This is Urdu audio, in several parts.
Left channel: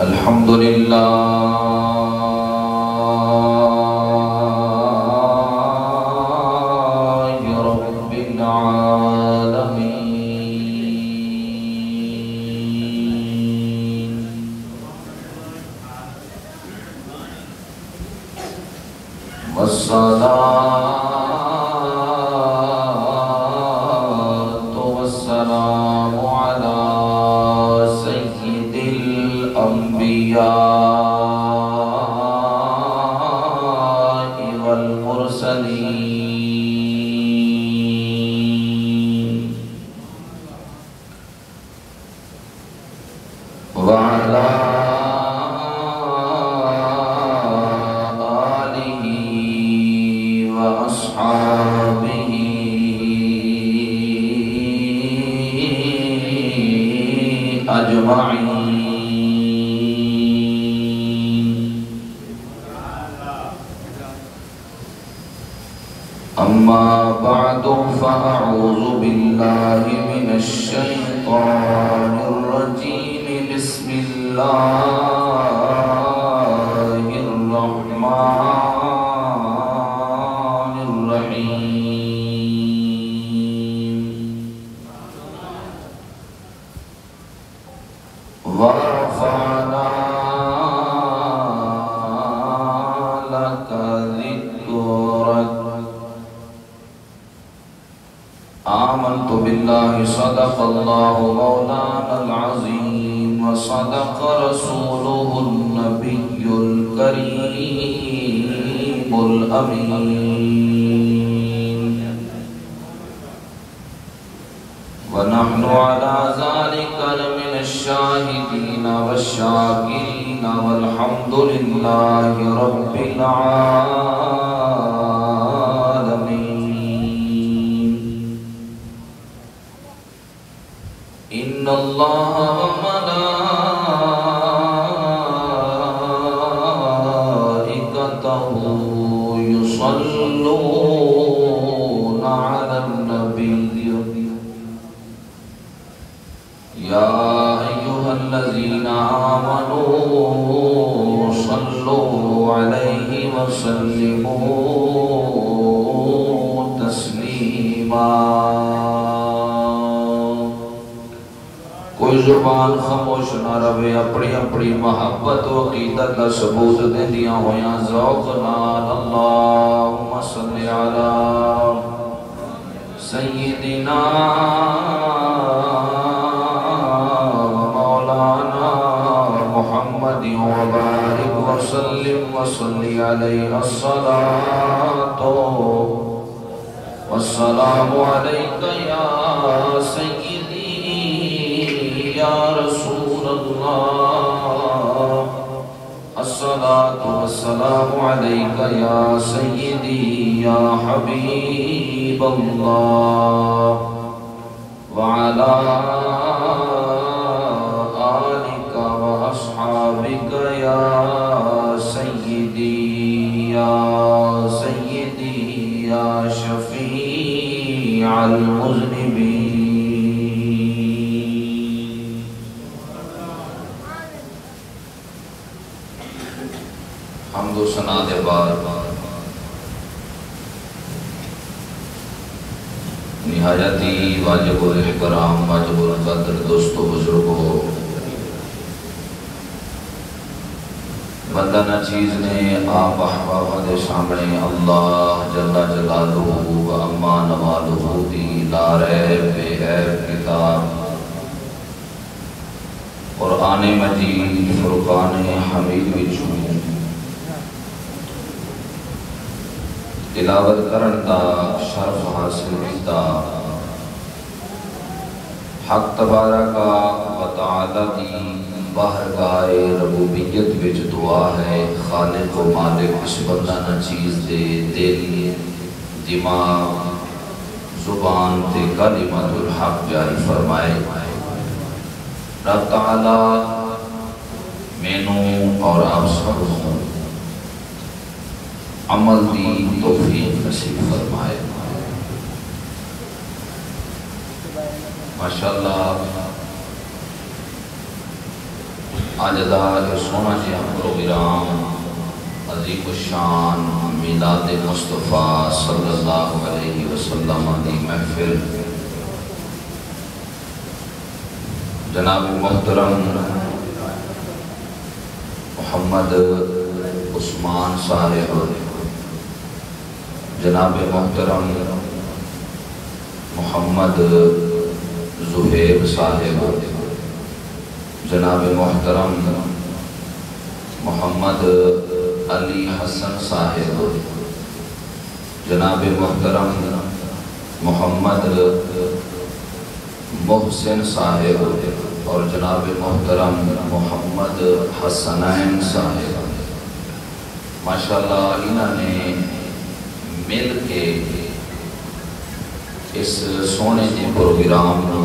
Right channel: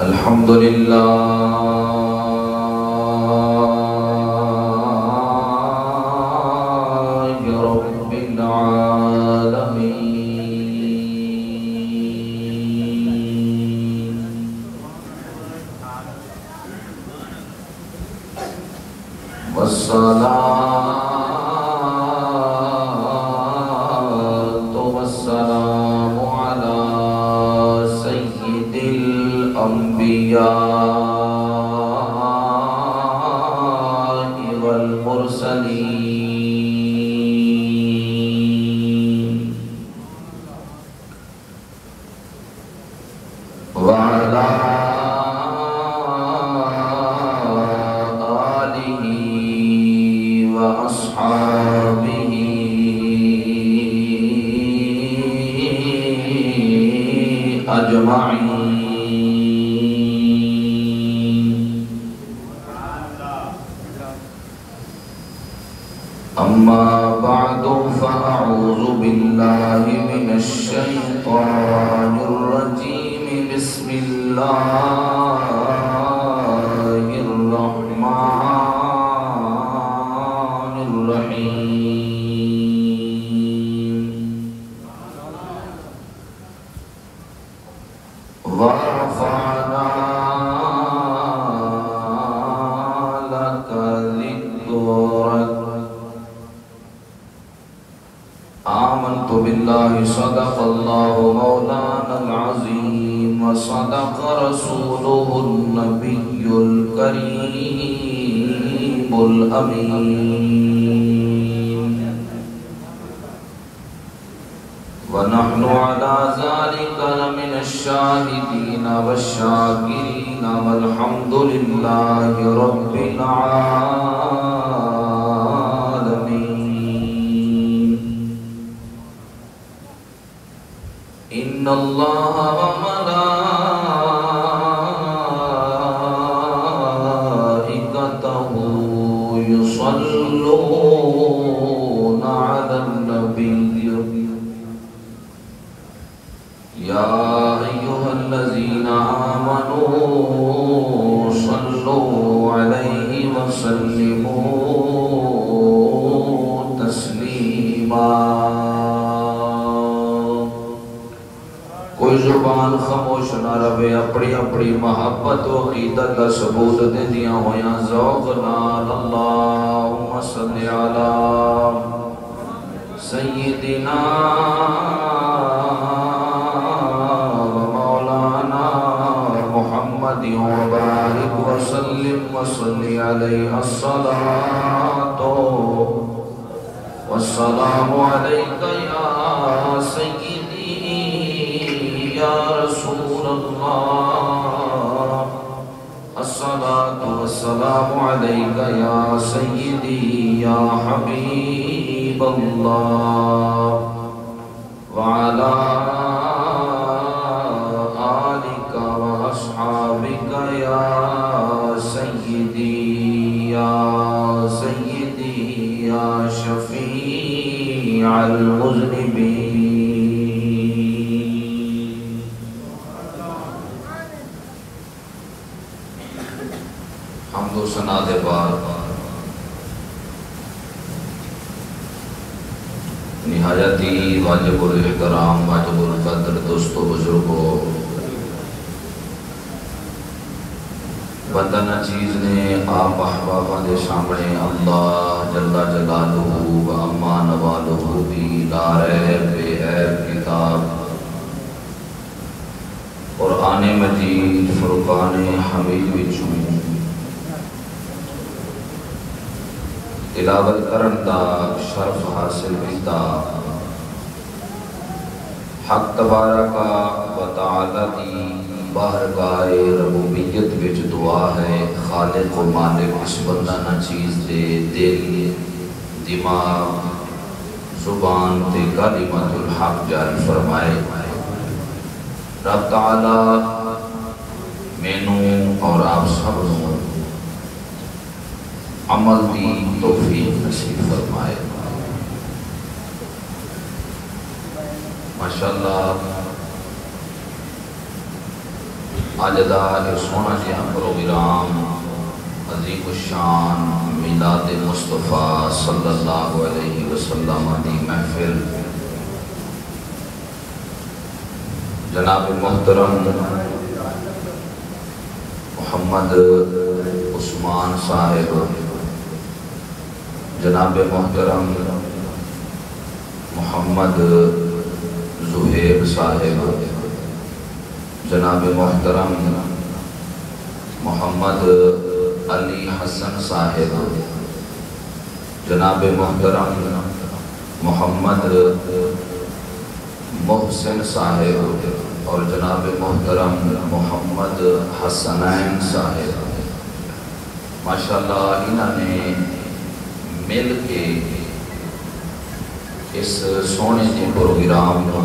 الحمد للہ رب العالمین والصلاة والسلام على سید الأنبياء والمرسلين وعلى آله وأصحابه أجمعين. أما بعد فأعوذ بالله من الشيطان الرجيم. بسم الله الرحمن الرحيم. ورفعنا لك ذكرك. آمنت بالله صدق الله مولانا العظيم وصدق رسوله النبي الكريم الأمين. ونحن على ذلك لمن الشاهدين والشاكرين والحمد لله رب العالمين. إن الله وملائكته يصلون على النبي يا أيها الذين آمنوا صلوا عليه وسلموا تسليما. کوئی زبان خاموش نہ رہے، اپنی اپنی محبت و عقیدت کا ثبوت دے دیا ہویا ذوق نال اللہم صلی علی سیدنا مولانا محمد وبارک وسلم وصلی علیہ الصلاة والسلام علیک یا سیدی یا رسول اللہ. الصلاة والسلام علیک یا سیدی یا حبیب اللہ وعلا آلک واصحابک یا سیدی یا شفیع المذنبین. حمد و ثنا دے بار نہایتی واجب الاحترام واجب القدر دوستو بزرگو، بندہ نہ چیز نے آپ احبابہ دے سامنے اللہ جل جلالہ و اما نوالہ دی لا ریب بے عیب کتاب قرآن مجید فرقان حمید وچوں تلاوت کرن دا شرف حاصل کیتا. حق تبارک و تعالی تعالی دی بارگاہ ربوبیت وچ دعا ہے خالق و مالک اس بندہ نہ چیز دے دل دماغ زبان تے کلمۃ الحق جاری فرمائے۔ رب تعالی مینوں اور آپ سب کو عمل دی توفیق نصیب فرمائے۔ ماشاءاللہ آج دا سونا جہاں پروگرام عظیم الشان میلاد مصطفیٰ صلی اللہ علیہ وسلم دی محفل جناب محترم محمد عثمان صاحب، جناب محترم محمد زہیر صاحب، جناب محترم محمد علی حسن صاحب، جناب محترم محمد محسن صاحب اور جناب محترم محمد حسنین صاحب، ماشاءاللہ انہوں نے مل کے اس سونے کے پروگرام کو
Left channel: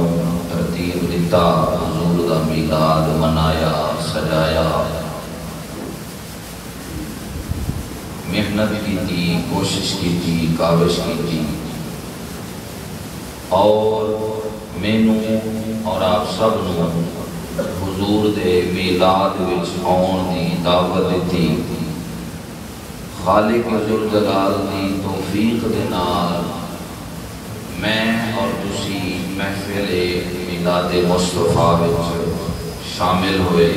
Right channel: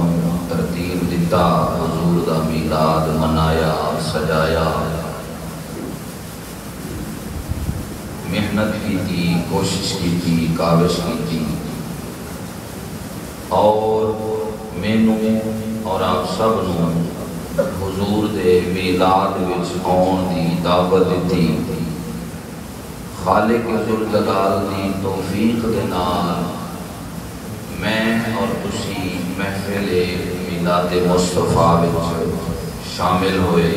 ترتیب دیتا، حضور دا میلاد منایا سجایا، محنت کی تھی، کوشش کی تھی، کاوش کی تھی، اور مینوں اور آپ سب حضور دے میلاد وچ آن دی دعوت دیتی۔ خالق ذوالجلال دی توفیق دے نال میں اور تسی محفل میلاد مصطفیٰ وچ شامل ہوئے۔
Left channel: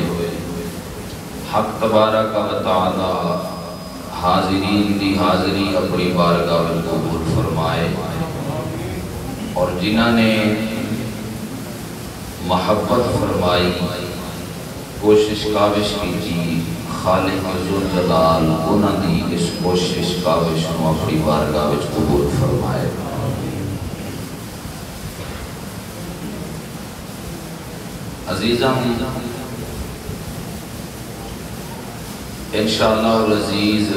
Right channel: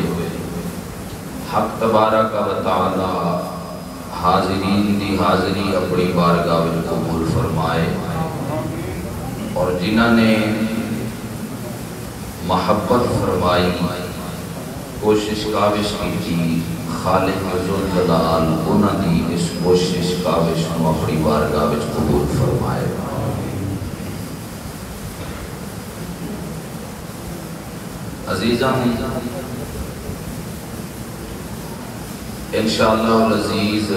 حق تبارک و تعالی حاضرین دی حاضری اپنی بارگاہ میں قبول فرمائے، اور جنہوں نے محبت فرمائی، کوشش کاوش کی تھی، خالق ذوالجلال انہوں نے اس کوشش کاوش کو اپنی بارگاہ میں قبول فرمائے۔ عزیزم، انشاءاللہ العزیز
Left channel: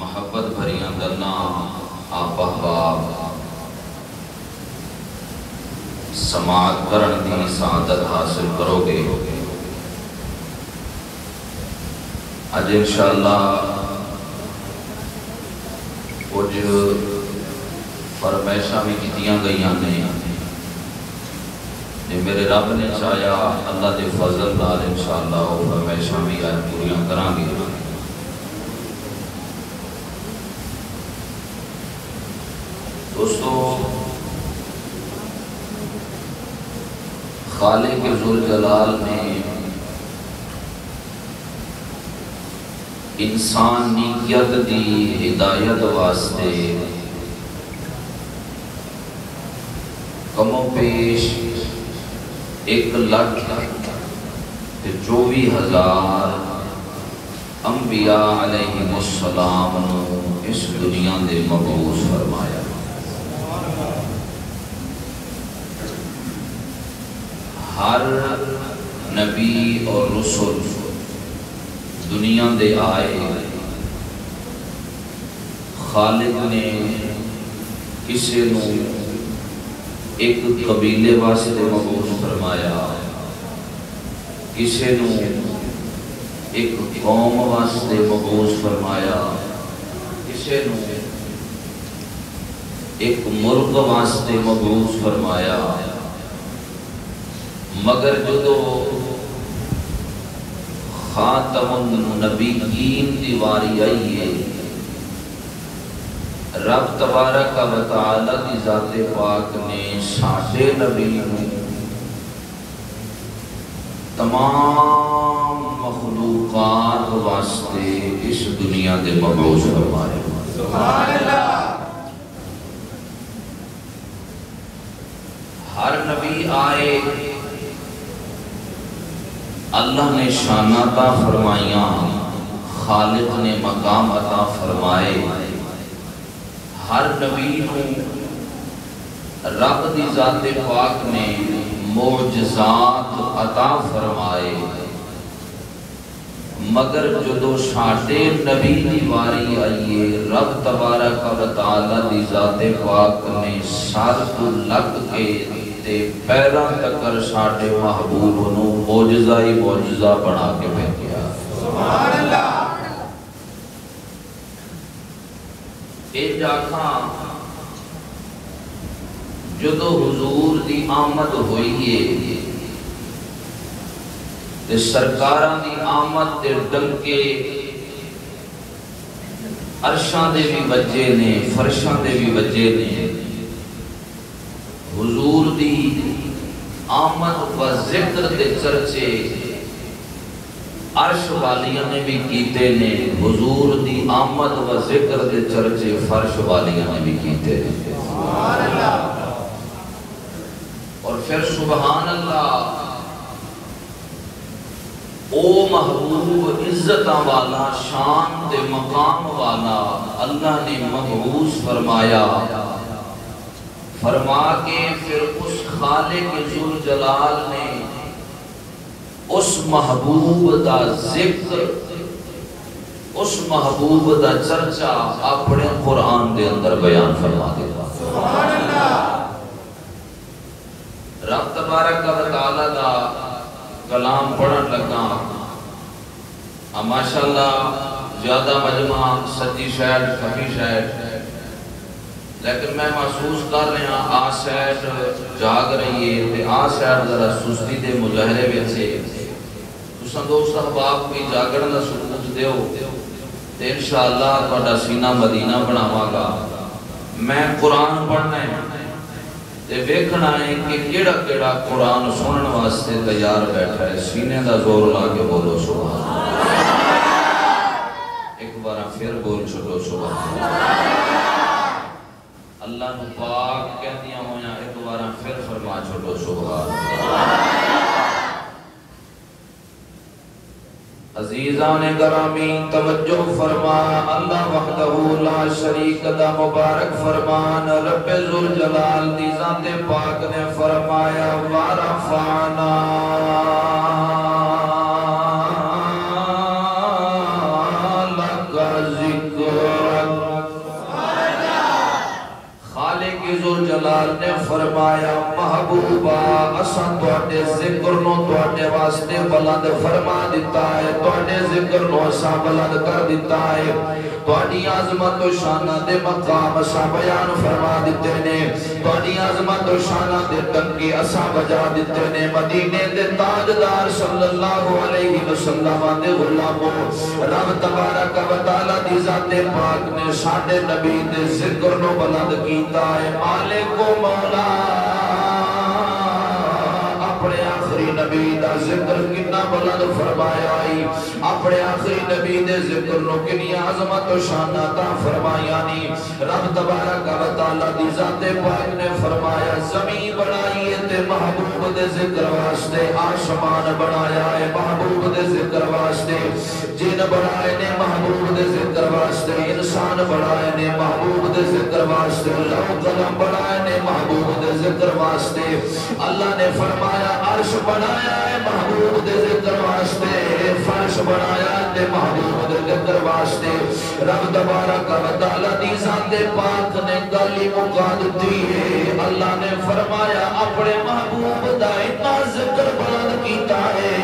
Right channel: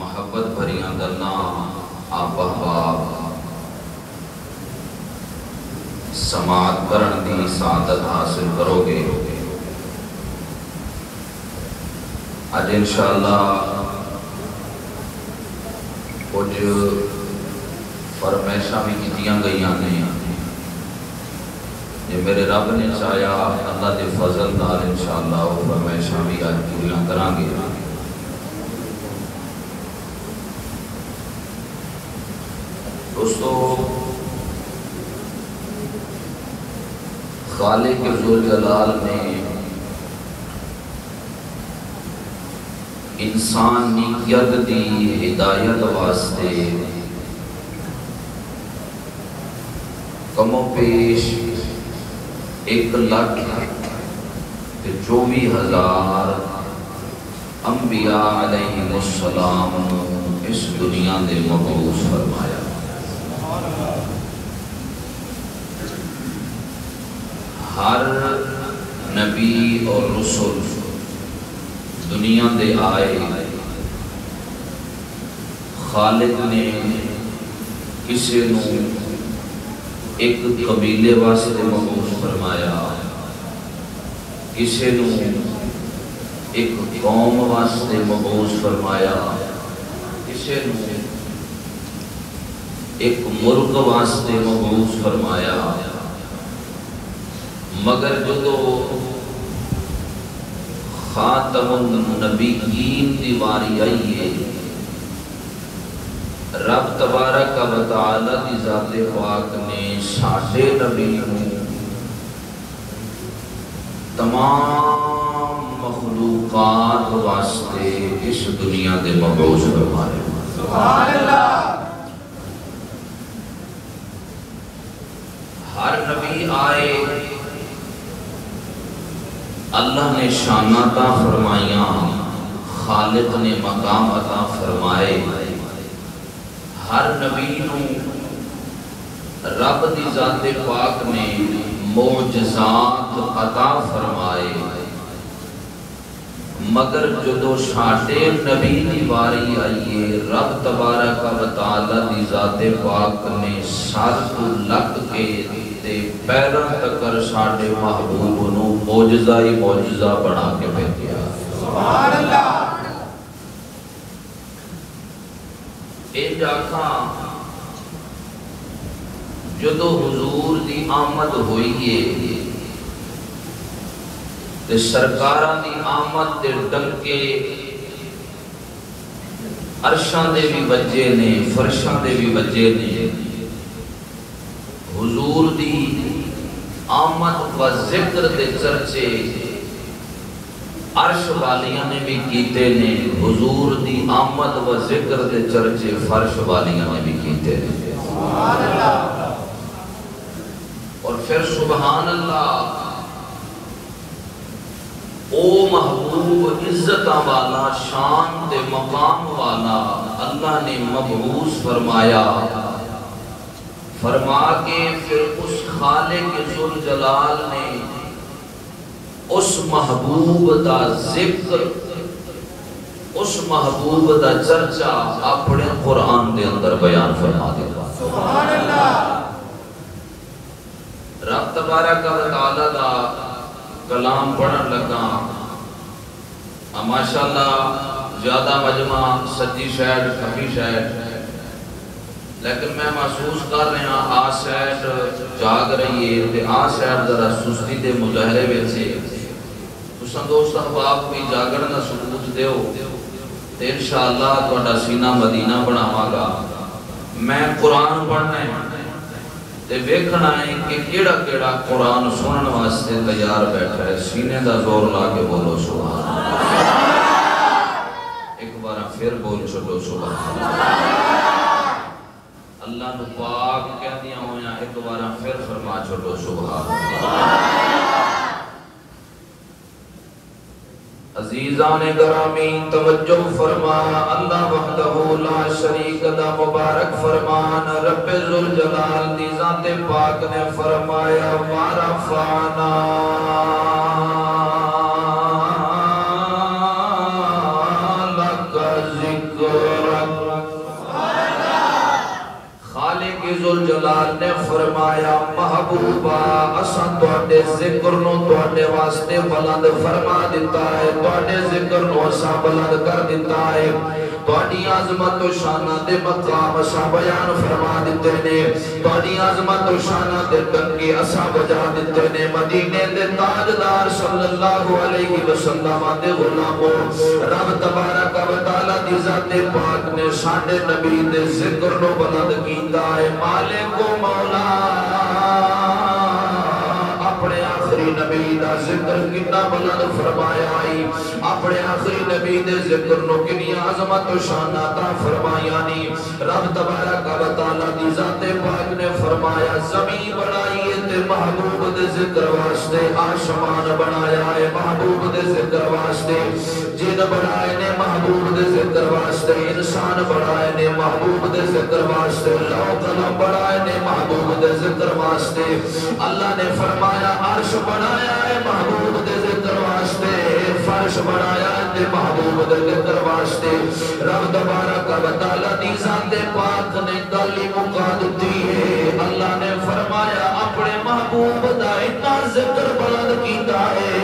محبت بھریاں گلاں آپ احباب سماعت کرن دی سعادت حاصل کرو گے۔ آج انشاءاللہ کچھ فرمائشاں بھی کیتیاں گئیاں نے، جو میرے رب نے چاہیا اللہ دے فضل نال انشاءاللہ وہ فرمائشاں بھی پوریاں کران گے۔ دوستو، خالق ذوالجلال نے انسانیت دی ہدایت واسطے کم و بیش 1,24,000 انبیاء علیہ السلام اس دنیا دے مبعوث فرمایا۔ ہر نبی اور رسول دنیا دے آئے، خالق نے کسی نو ایک قبیلے واسطے مبعوث فرمایا، کسی نو ایک قوم واسطے مبعوث فرمایا، کسی نو ایک ملک واسطے مبعوث فرمایا، مگر جو خاتم النبیین دی واری آئی ہے، رب تبارک و تعالی دی ذات پاک نے ساڈے نبی کو تمام مخلوقات واسطے اس دنیا دے مبعوث فرمایا۔ سبحان اللہ۔ ہر نبی آئے، اللہ نے شان عطا فرمائیاں، خالق نے مقام عطا فرمائے۔ ہر نبی نو رب دی ذات پاک نے معجزات عطا فرمائے، مگر جدو ساڈے نبی دی واری آئیے رب تبارک و تعالی دی ذات پاک نے سر تو لگ کے تے پیروں تکر ساڈے محبوب نو معجزہ ہی معجزہ بنا کے بھیجا۔ سبحان اللہ۔ اے جاکھاں جدو حضور دی آمد ہوئی ہے تے سرکاراں دی آمد تے ڈنکے عرشاں دے بھی بجے نے، فرشاں دے بھی بجے نے، حضور دی آمد و ذکر دے چرچے عرش والیاں نے بھی کیتے نے، حضور دی آمد و ذکر دے چرچے فرش والیاں نے بھی کیتے نے۔ سبحان اللہ۔ اور پھر سبحان اللہ، او محبوب عزتاں والا، شان دے مقام والا اللہ نے مبعوث فرمایا، فرما کے پھر اس خالق ذوالجلال نے اس محبوب دا ذکر، اس محبوب دا چرچا اپنے قرآن دے اندر بیان فرما دیا۔ سبحان اللہ۔ رب تبارک و تعالی دا کلام پڑھن لگا، ماشاءاللہ زیادہ مجمع سچی شاید کمی شاید، لیکن میں محسوس کر رہا آ سیٹ جاگ رہی ہے تے آ سیٹ ذرا سستی دے مظاہرے ویسے تساں دوست احباب کوئی جاگن دا سلوک دیو تے انشاءاللہ تہاڈا سینہ مدینہ بناواں گا۔ میں قرآن پڑھنا ہے تے ویکھنا ہے کہ کیڑا کیڑا قرآن سنن واسطے تیار بیٹھا ہے، سینے دا زور لا کے بولو سبحان اللہ۔ ایک بار پھر بول چھوڑو سبحان اللہ۔ اللہ نو پاک کہندیاں ہویاں ایک بار پھر فرما چھوڑو سبحان اللہ۔ عزیزان گرامی توجہ فرما، اللہ وحدہ لا شریک دا مبارک فرمان رب ذوالجلال دی ذات پاک نے فرمایا وَرَفَعْنَا لَكَ ذِكْرَكَ۔ خالق ذوالجلال نے فرمایا محبوبہ اساں تواڈے ذکر نو تواڈے واسطے بلند فرما دیتا ہے، تواڈے ذکر نو اساں بلند کر دیتا ہے، تواڈی عظمت و شان دے مقام اساں بیان فرما دیتے نے، تواڈی عظمت و شان دے ڈنکے اساں بجا دیتے نے۔ مدینے دے تاجدار صلی اللہ علیہ وسلم دے غلاموں، رب تبارک و تعالی دی ذات پاک نے ساڈے نبی دے ذکر نو بلند کیتا ہے۔ مالک و مولا اپنے آخری نبی دا ذکر کتنا بلند فرمایا آئی، اپنے آخری نبی دے ذکر نو کنی عظمت و شان عطا فرمایا نی۔ رب تبارک و تعالی دی ذات پاک نے فرمایا زمین بنائی تے محبوب دے ذکر واسطے، آسمان بنایا ہے محبوب دے ذکر واسطے، جن بنائے نے محبوب دے ذکر واسطے، انسان بنائے نے محبوب دے ذکر واسطے، لوح قلم بنائے نے محبوب دے ذکر واسطے۔ اللہ نے فرمایا عرش بنایا ہے محبوب دے ذکر واسطے، فرش بنایا ہے محبوب دے ذکر واسطے۔ رب تبارک و تعالی دی ذات پاک نے گل مکا دتی ہے، اللہ نے فرمایا اپنے محبوب دا اتنا ذکر بلند کیتا ہے،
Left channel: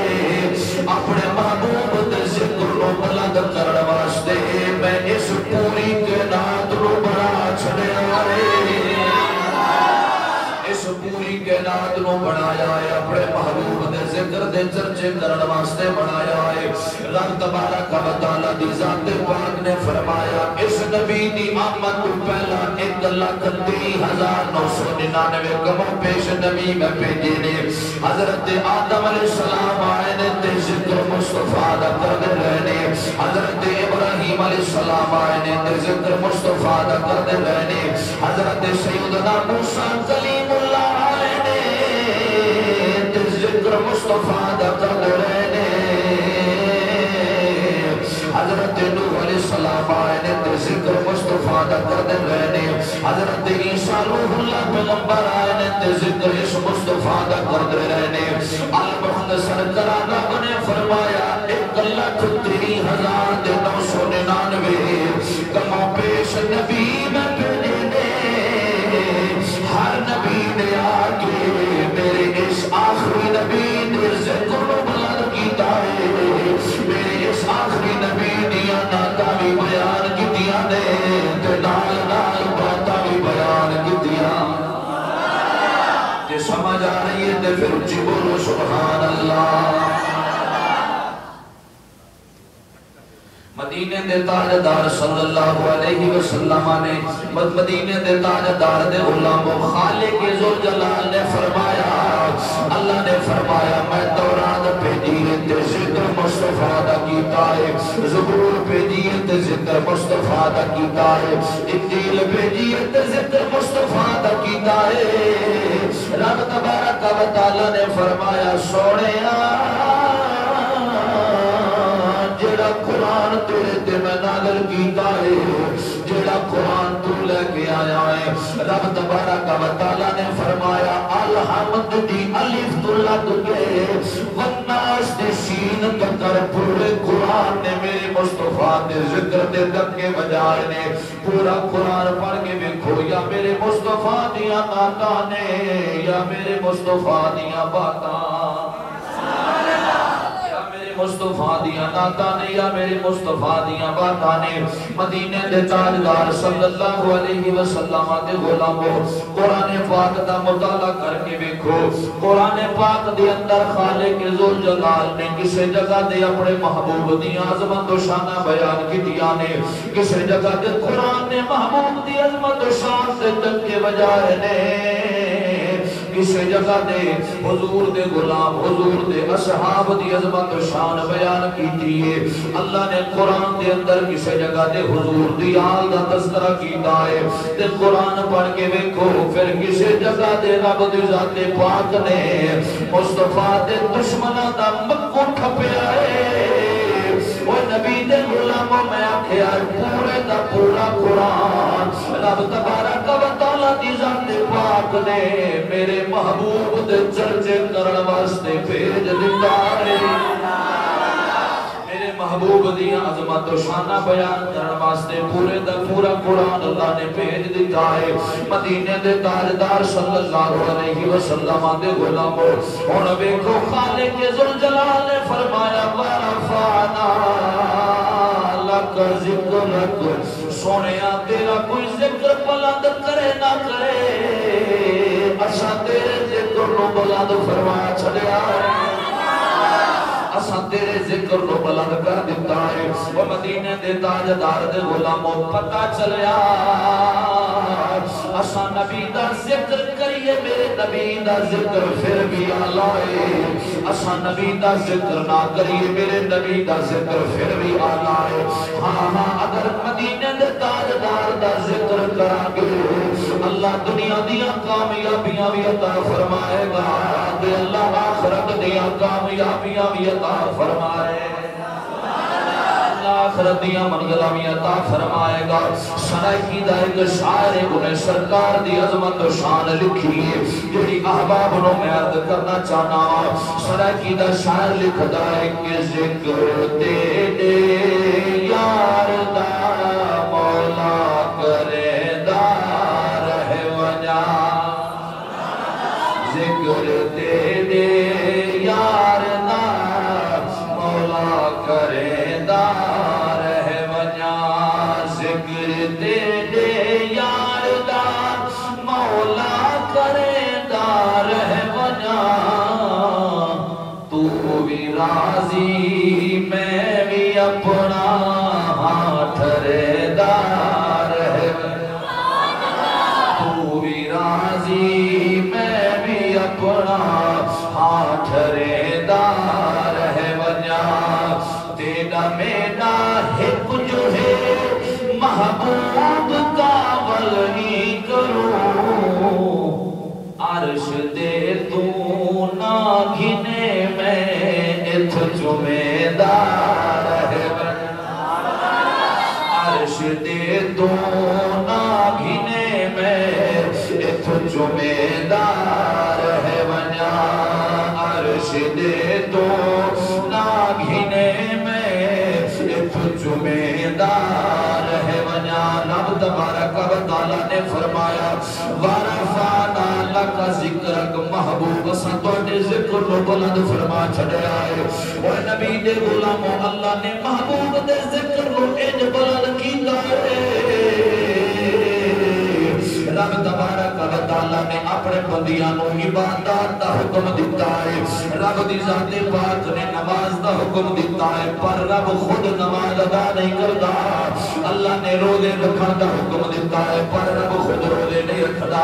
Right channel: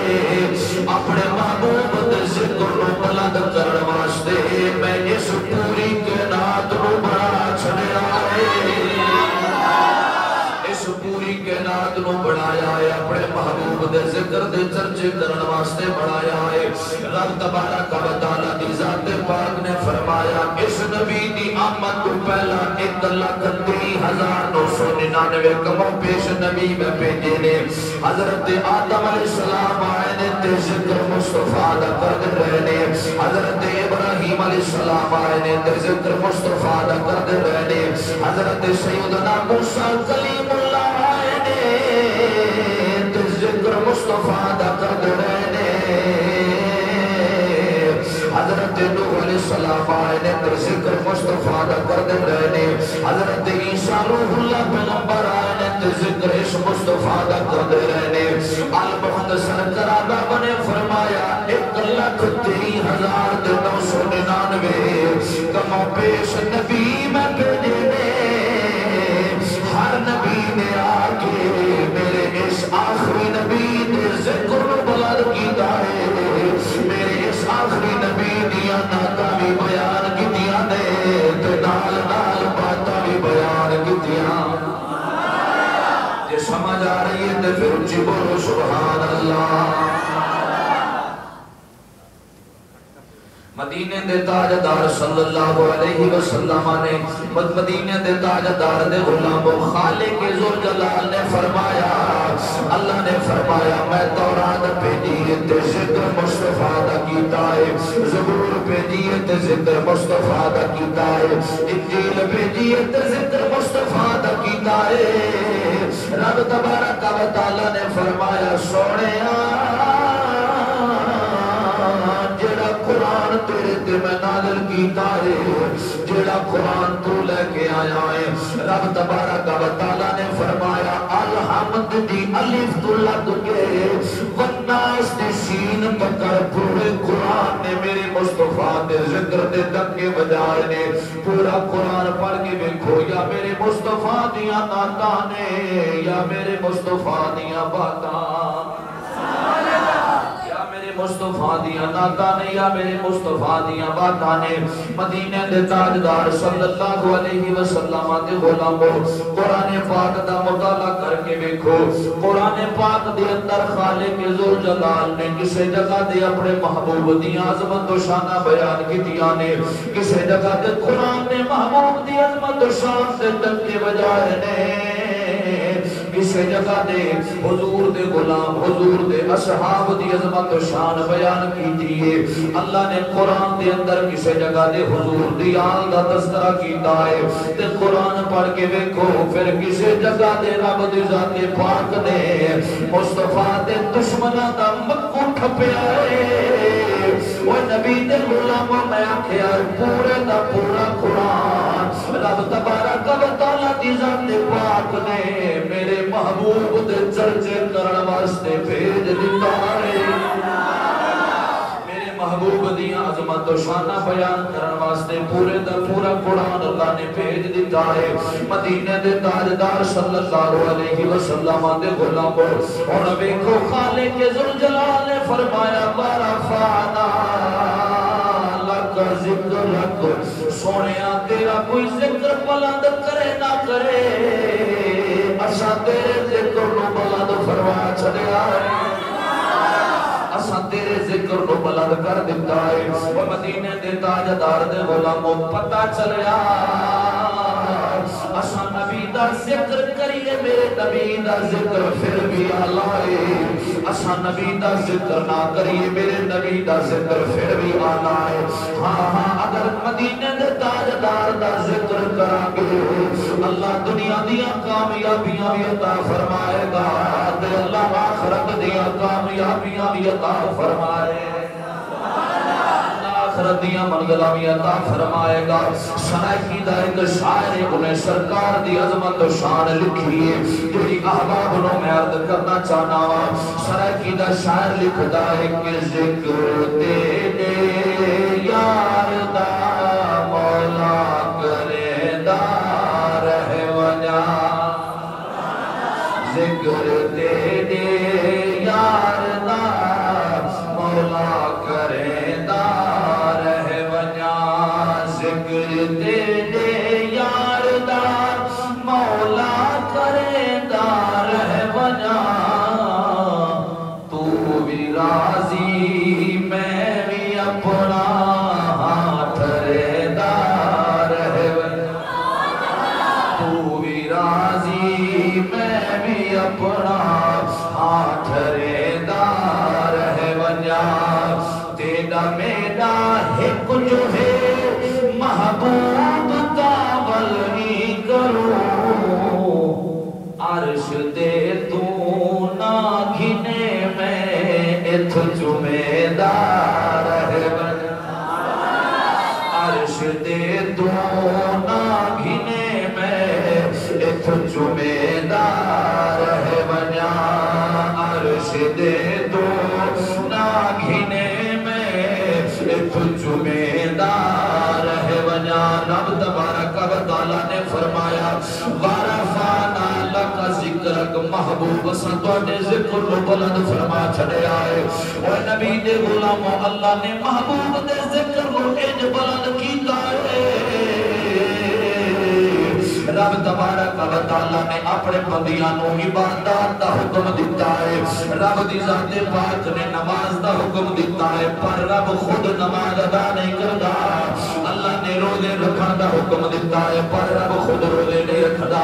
اپنے محبوب دے ذکر نو بلند کرن واسطے میں اس پوری کائنات نو بنا چھڑیا ہے، اس پوری کائنات نو بنایا ہے، اپنے محبوب دے ذکر دے چرچے کرن واسطے بنایا ہے۔ رب تبارک و تعالی دی ذات پاک نے فرمایا اس نبی دی آمد تو پہلا 1,30,999 کموں پیش نبی میں بھیجے نے۔ حضرت آدم علیہ السلام آئے نے تے ذکر مصطفیٰ دا کرد رہنے، حضرت ابراہیم علیہ السلام آئے نے تے ذکر مصطفیٰ دا کرد رہنے، حضرت سیدنا موسیٰ کلیم اللہ آئے نے تے ذکر مصطفیٰ دا کرد رہنے، حضرت نوح علیہ السلام آئے نے تے ذکر مصطفیٰ دا کرد رہنے، حضرت عیسیٰ روح اللہ پیغمبر تے ذکر اس مصطفیٰ دا کردے رہنے آل محمد سرکار دا بنے فرمایا 1,03,999 کما پیش نبی میں بھیجنے ہر نبی نے آکے میرے اس آخری نبی نے ذکر بلند کیتا ہے میرے اس آخری نبی دیا ناکامی بیان کیتیاں نے تے نال نال باتاں بھی بیان کیتیاں یہ سمجھ آ رہی ہے تے پھر اچھی بولو سبحان اللہ مدینے دے تاجدار صلی اللہ علیہ وسلم نے مدینے دے تاجدار دے غلام خالق ذوالجلال نے فرمایا اللہ نے فرمایا میں تورات پہ دیت ذکر مصطفیٰ دا کیتا ہے زبور پہ دیت ذکر مصطفیٰ دا کیتا ہے انجیل پہ دیت ذکر مصطفیٰ دا کیتا ہے رب تبارک و تعالی نے فرمایا سوڑیا جڑا قرآن تیرے تے میں نازل کیتا ہے جڑا قرآن تو لے کے آیا ہے رب تبارک و تعالی نے فرمایا الحمد دی الف تو لگ کے والناس نے سین تکر پورے قرآن نے میرے مصطفیٰ نے ذکر دے تک کے بجائے نے پورا قرآن پڑھ کے دیکھو یا میرے مصطفیٰ دیا ناتا نے یا میرے مصطفیٰ دیا باتا مصطفیٰ دیا ناتا نے یا میرے مصطفیٰ دیا باتا نے مدینہ دے تاجدار صلی اللہ علیہ وسلم دے غلاموں قرآن پاک دا مطالعہ کر کے دیکھو قرآن پاک دے اندر خالق ذوالجلال نے کسی جگہ دے اپنے محبوب دی عظمت و شانہ بیان کی دیا نے کسی جگہ دے قرآن نے محبوب دی عظمت و شان سے تک کے بجائے نے کسی جگہ دے حضور دے غلام حضور دے اصحاب دی عظمت و شان بیان کی دیئے اللہ نے قرآن دے اندر کسی جگہ دے حضور دی آل دا تذکرہ کیتا ہے تے قرآن پڑھ کے دیکھو پھر کسی جگہ دے رب دی ذات پاک نے مصطفیٰ دے دشمنہ دا مکو کھپیا ہے وہ نبی دے غلاموں میں آکھیا پورے دا پورا قرآن رب تبارک و تعالی دی ذات پاک نے میرے محبوب دے چرچے کرن واسطے بھیج دیتا ہے میرے محبوب دی عظمت و شانہ بیان کرن واسطے پورے دا پورا قرآن اللہ نے بھیج دیتا ہے مدینے دے تاجدار صلی اللہ علیہ وسلم دے غلاموں اور دیکھو خالق ذوالجلال نے فرمایا ورفعنا لک ذکر لک سونیا تیرا کوئی ذکر بلند کرے نہ کرے اساں تیرے ذکر نو بلند فرما چھڑیا اساں تیرے ذکر نو بلند کر دیتا ہے وہ مدینے دے تاجدار دے غلاموں پتہ چلیا اساں نبی دا ذکر کریے میرے نبی دا ذکر پھر بھی اعلیٰ ہے اساں نبی دا ذکر نہ کریے میرے نبی دا ذکر پھر بھی اعلیٰ ہے ہاں ہاں اگر مدینے دے تاجدار دا ذکر کرانگے اللہ دنیا دیا کامیابیاں بھی عطا فرمائے گا دے اللہ آخرت دیا کامیابیاں بھی عطا فرمائے آخرت دیا منگلہ بھی عطا فرمائے گا سرائکی دا ایک شاعر انہیں سرکار دی عظمت و شان لکھی ہے جوڑی احباب انہوں میں عرض کرنا چاہنا سرائکی دا شاعر لکھتا ہے کہ ذکر تیرے یار دا مولا کرے دا رہ ونیا ذکر تیرے یار دا مولا کرے دا رہ ونیا ذکر تیرے یار دا مولا کرے دا رہ ونیا تو بھی راضی میں بھی اپنا ہاتھ رے دا رہ تو بھی راضی میں بھی اپنا ہاتھ رے دا رہ ونیا تیرا میرا حق جو ہے محبوب کا بلگی کروں عرش دے تو نہ گھنے میں اتھ جمیدار ہے عرش دے تو نہ گھنے میں اتھ جمیدار مرشد تو نہ گھنے میں جمعیدار ہے وجہ رب تبارک و تعالیٰ نے فرمایا وَرَفَعْنَا لَكَ ذِكْرَكَ محبوب سنتوڑے ذکر رو بلند فرما چھڑے آئے اور نبی دے غلاموں اللہ نے محبوب دے ذکر رو انج بلند کی دائے رب تبارک و تعالیٰ نے اپنے بندیانوں عبادات دا حکم دیتا ہے رب دی ذات پاک نے نماز دا حکم دیتا ہے پر رب خود نماز ادا نہیں کرتا اللہ نے روزے رکھن دا حکم دیتا ہے پر رب خود روزے نہیں رکھتا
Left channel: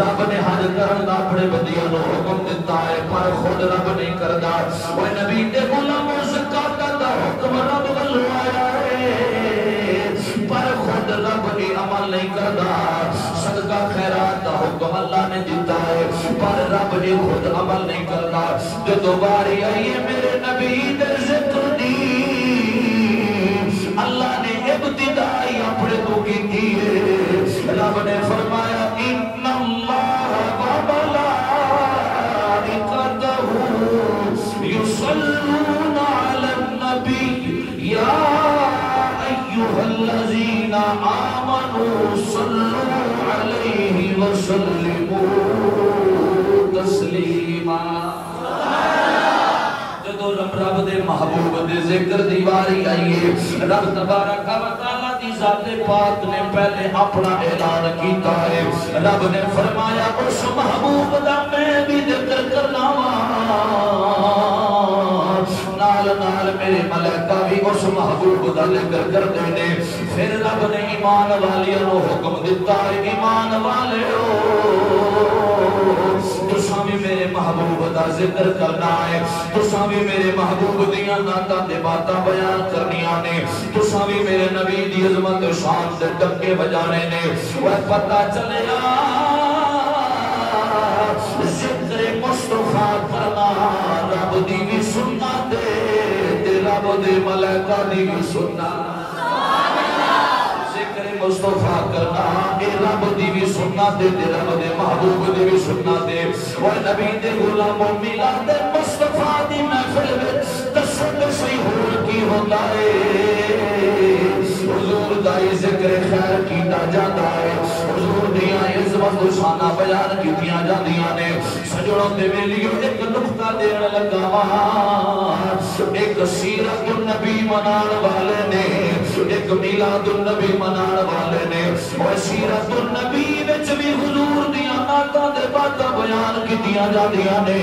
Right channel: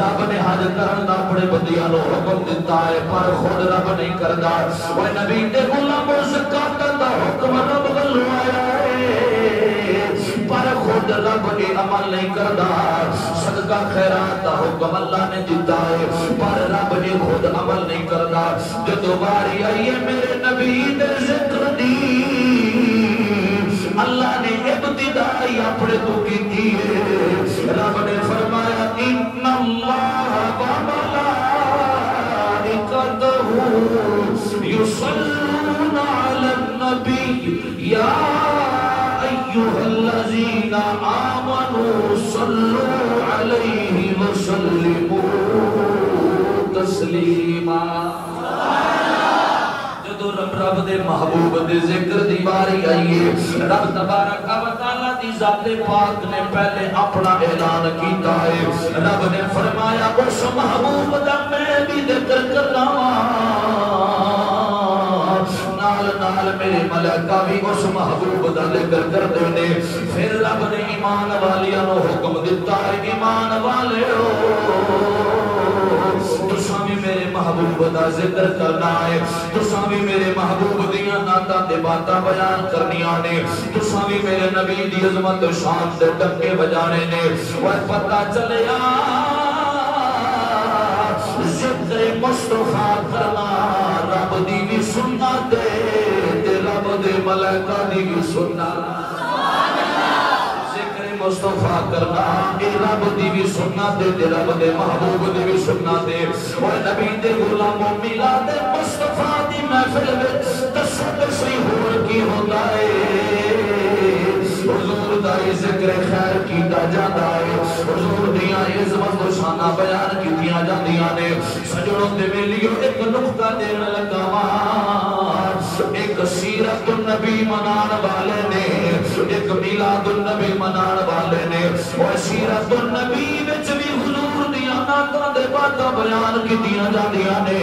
رب نے حج کرن دا اپنے بندیانوں حکم دیتا ہے پر خود رب نہیں کرتا وہ نبی دے غلاموں زکات دا حکم رب بلوایا ہے پر خود رب کی عمل نہیں کرتا صدقہ خیرات دا حکم اللہ نے دیتا ہے پر رب نے خود عمل نہیں کرتا جو دوباری آئی ہے میرے نبی دے ذکر دی اللہ نے ابتدائی اپنے تو کی تھی رب نے فرمایا ان اللہ وملائکتہ یصلون علی النبی یا ایوہ الذین آمنوا صلوا علیہ وسلموا تسلیما جدو رب دے محبوب دے ذکر دی باری آئیے رب تبارک و تعالیٰ دی ذات پاک نے پہلے اپنا اعلان کیتا ہے رب نے فرمایا اس محبوب دا میں بھی ذکر کرنا نال میرے ملائکہ بھی اس محبوب دا ذکر کرتے نے پھر رب نے ایمان والیاں نو حکم دیتا ہے ایمان والے تساں بھی میرے محبوب دا ذکر کرنا ہے تساں بھی میرے محبوب دیاں نعتاں تے باتاں بیان کرنیاں نے تساں بھی میرے نبی دی عظمت و شان تے ڈنکے بجانے نے وہ پتہ چلیا ذکر مصطفیٰ کرنا رب دی بھی سنت تے رب دے ملائکہ دی بھی سنت ذکر مصطفیٰ کرنا اے رب دی بھی سنت تے رب دے محبوب دی بھی سنت اور نبی دے غلاموں میلاد مصطفیٰ دی محفل وچ تشریح کی ہوتا ہے حضور دا ذکر خیر کیتا جاتا ہے حضور دیاں عظمت و شاناں بیان کیتیاں جاندیاں نے سجڑوں دے ویلیو ایک نقطہ دین لگا وا ایک سیرت النبی منان والے نے ایک میلاد النبی منان والے نے اور سیرت النبی وچ بھی حضور دیاں نعتاں دے باتاں بیان کیتیاں جاندیاں نے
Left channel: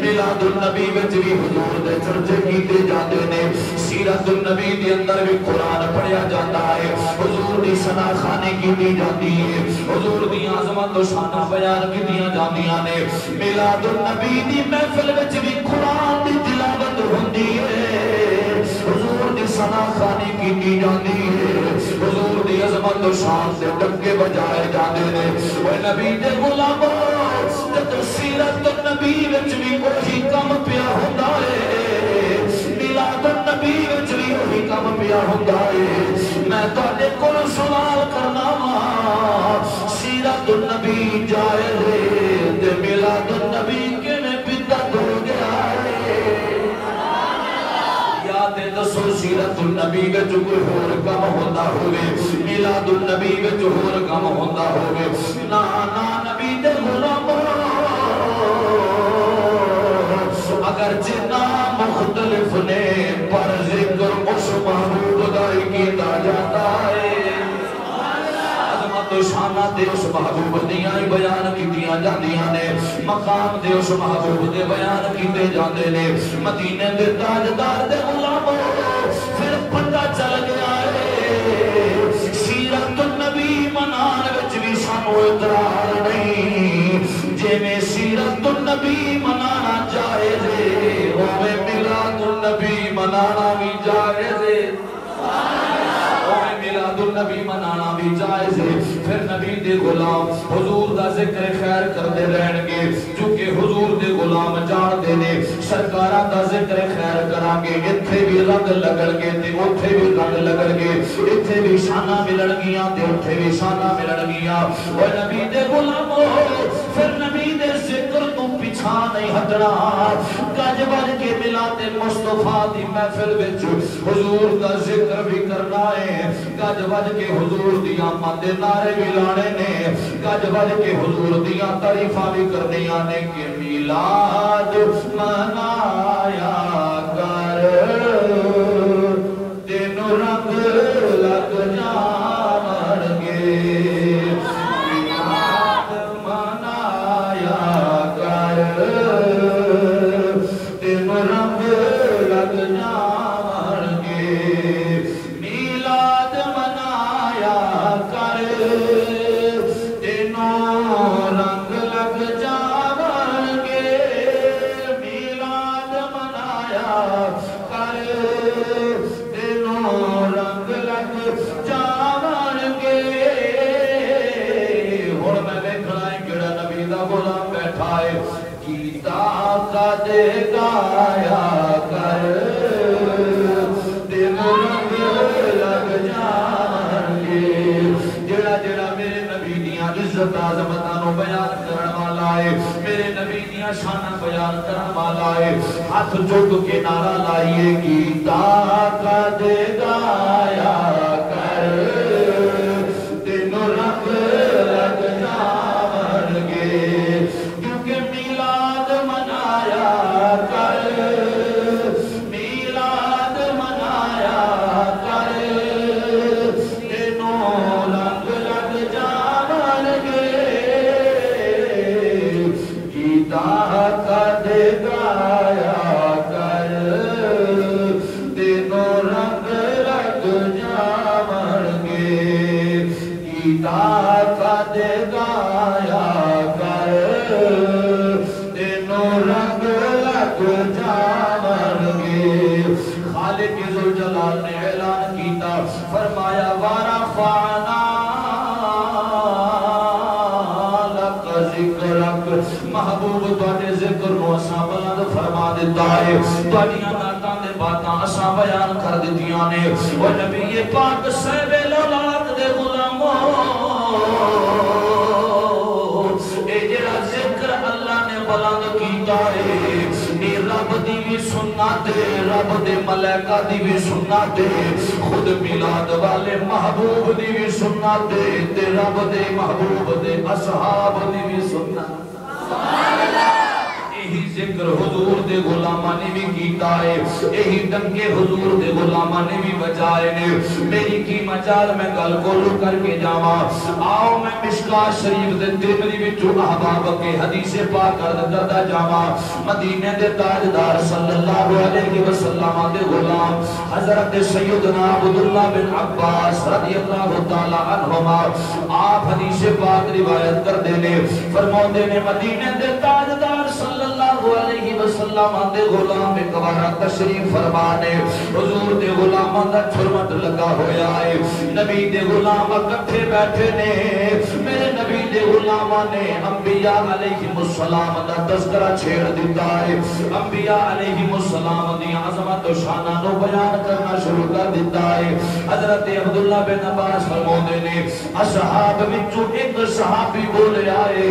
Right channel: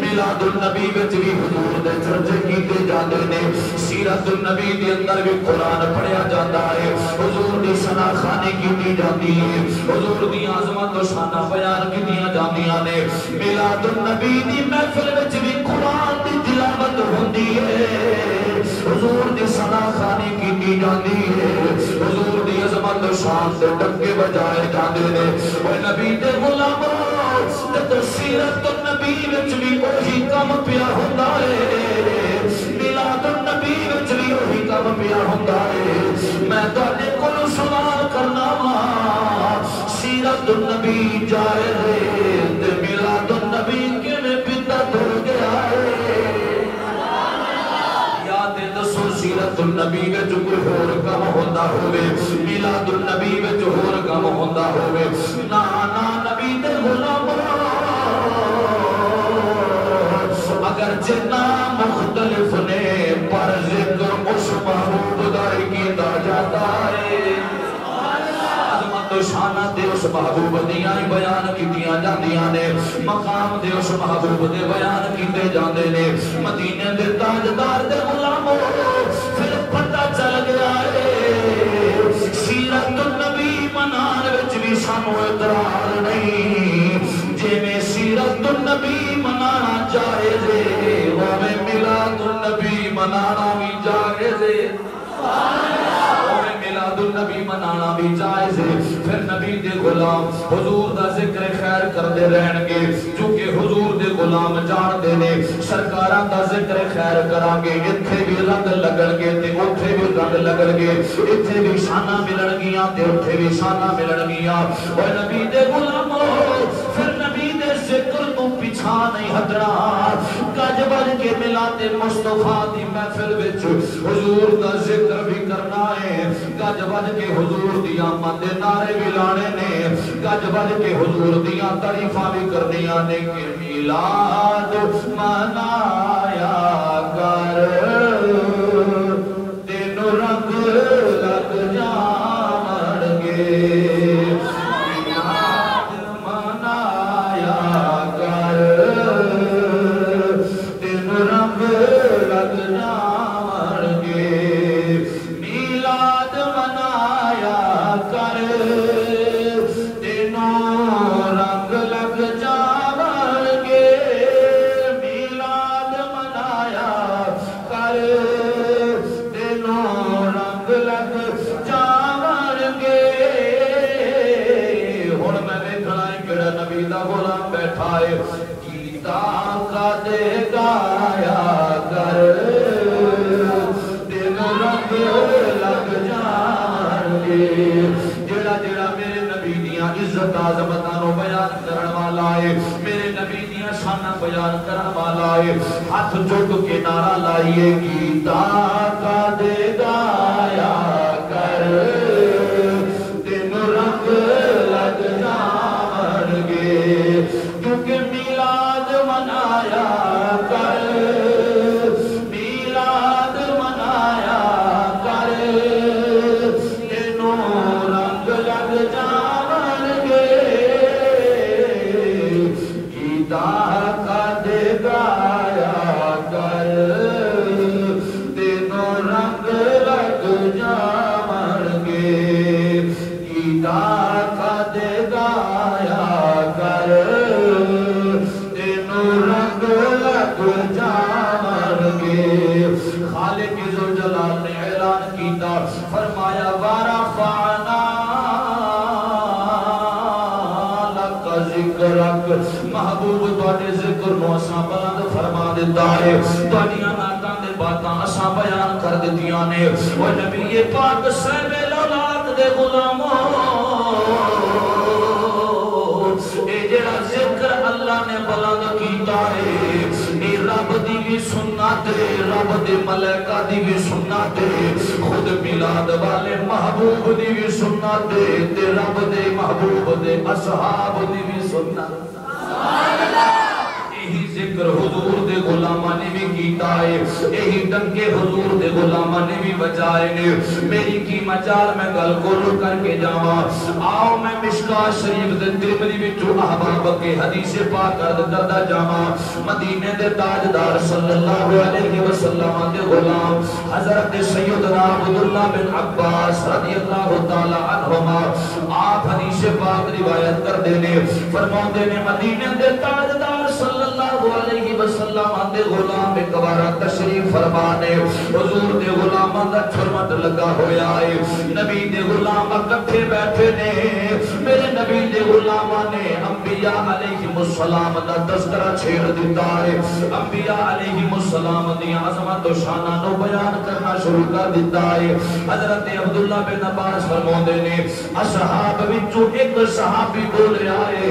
میلاد النبی وچ بھی حضور دے چرچے کیتے جاندے نے سیرت النبی دے اندر بھی قرآن پڑھیا جاتا ہے حضور دی ثنا خوانی کیتی جاتی ہے حضور دی عظمت و شان بیان کیتیاں جاندیاں نے میلاد النبی دی محفل وچ بھی قرآن دی تلاوت ہوندی ہے حضور دی ثنا خوانی کیتی جاندی ہے حضور دی عظمت و شان سے ڈنکے بجائے جاندے نے وہ نبی دے غلاموں تے سیرت النبی وچ بھی وہی کم پیا ہوندا ہے میلاد النبی وچ بھی وہی کم پیا ہوندا ہے میں تواڈے کول سوال کرنا وا سیرت النبی جائز ہے تے میلاد النبی کیویں بدعت ہو گیا ہے یاد دسو سیرت النبی وچ کوئی ہور کم ہوندا ہوے میلاد النبی وچ ہور کم ہوندا ہوے نا نا نبی دے غلاموں اگر جنا مختلف نے پر ذکر اس محبوب دا ہی کیتا جاتا ہے عظمت و شانہ دے اس محبوب دیاں ہی بیان کیتیاں جاندیاں نے مقام دے اس محبوب دے بیان کیتے جاندے نے مدینے دے تاجدار دے غلاموں پھر پتہ چل گیا ہے سیرت النبی منان وچ بھی سانو اعتراض نہیں جویں سیرت النبی منانا جائز ہے اوویں میلاد النبی منانا بھی جائز ہے اوویں میلاد النبی منانا بھی جائز ہے پھر نبی دے غلام حضور دا ذکر خیر کردے رہن گے چونکہ حضور دے غلام جان دے نے سرکاراں دا ذکر خیر کران گے ایتھے بھی رنگ لگن گے تے اوتھے بھی رنگ لگن گے ایتھے بھی شاناں ملن گیاں تے اوتھے بھی شاناں ملن گیاں او نبی دے غلاموں پھر نبی دے ذکر تو پیچھا نہیں ہٹنا گج بج کے ملاد مصطفیٰ دی محفل وچ حضور دا ذکر بھی کرنا ہے گج بج کے حضور دی آمد دے نعرے بھی لانے نے گج بج کے حضور دیاں تعریفاں بھی کرنیاں نے کہ میلاد منایا کر تینوں رنگ لگ جان گے میلاد منایا کر تینوں رنگ لگ جان گے میلاد منایا کر تینوں رنگ لگ جان گے میلاد منایا کر تینوں رنگ لگ جان گے ہن میں ویکھنا ہے کیڑا نبی دا غلام بیٹھا ہے گیتا کا دے گایا کر تینوں رنگ لگ جان گے جڑا جڑا میرے نبی دیاں عزت عظمتاں نو بیان کرن والا ہے میرے نبی دیاں شاناں بیان کرن والا ہے ہاتھ چک کے نعرہ لائیے گیتا کا دے گایا کر تینوں رنگ لگ جان گے کیونکہ میلاد منایا کر میلاد منایا کر تینوں رنگ لگ جان گے گیتا کا دے گایا کر تینوں رنگ لگ جان گے گیتا کا دے گایا کر تینوں رنگ لگ جان گے خالق ذوالجلال نے اعلان کیتا فرمایا ورفعنا لک ذکرک محبوب تواڈے ذکر نو اساں بلند فرما دیتا ہے تواڈیاں نعتاں دے باتاں اساں بیان کر دتیاں نے او نبی پاک صاحب اولاد دے غلاموں اے جڑا ذکر اللہ نے بلند کیتا ہے اے رب دی بھی سنت ہے رب دے ملائکہ دی بھی سنت ہے خود میلاد والے محبوب دی بھی سنت ہے تے رب دے محبوب دے اصحاب دی بھی سنت سبحان اللہ یہی ذکر حضور دے غلاماں نے بھی کیتا ہے یہی ڈنگے حضور دے غلاماں نے بھی بجائے نے میری کی مجال میں گل کولو کر کے جاواں آؤ میں مشکاہ شریف دے ترمذی وچوں احباب کے حدیث پاک کردا جاواں مدینے دے تاجدار صلی اللہ علیہ وسلم دے غلام حضرت سیدنا عبداللہ بن عباس رضی اللہ تعالی عنہما آپ حدیث پاک روایت کردے نے فرماتے نے مدینے دے تاجدار صلی اللہ علیہ وسلم دے غلام ایک بار تشریف فرمانے حضور دے غلاماں دا چھرمٹ لگا ہویا ہے نبی دے غلام اکٹھے بیٹھے نے میرے نبی دے غلاماں نے انبیاء علیہ السلام دا تذکرہ چھیڑ دیتا ہے انبیاء علیہ السلام دی عظمت و شانہ نو بیان کرنا شروع کر دیتا ہے حضرت عبداللہ بن عباس فرماتے نے اصحاب وچوں ایک صحابی بولے آئے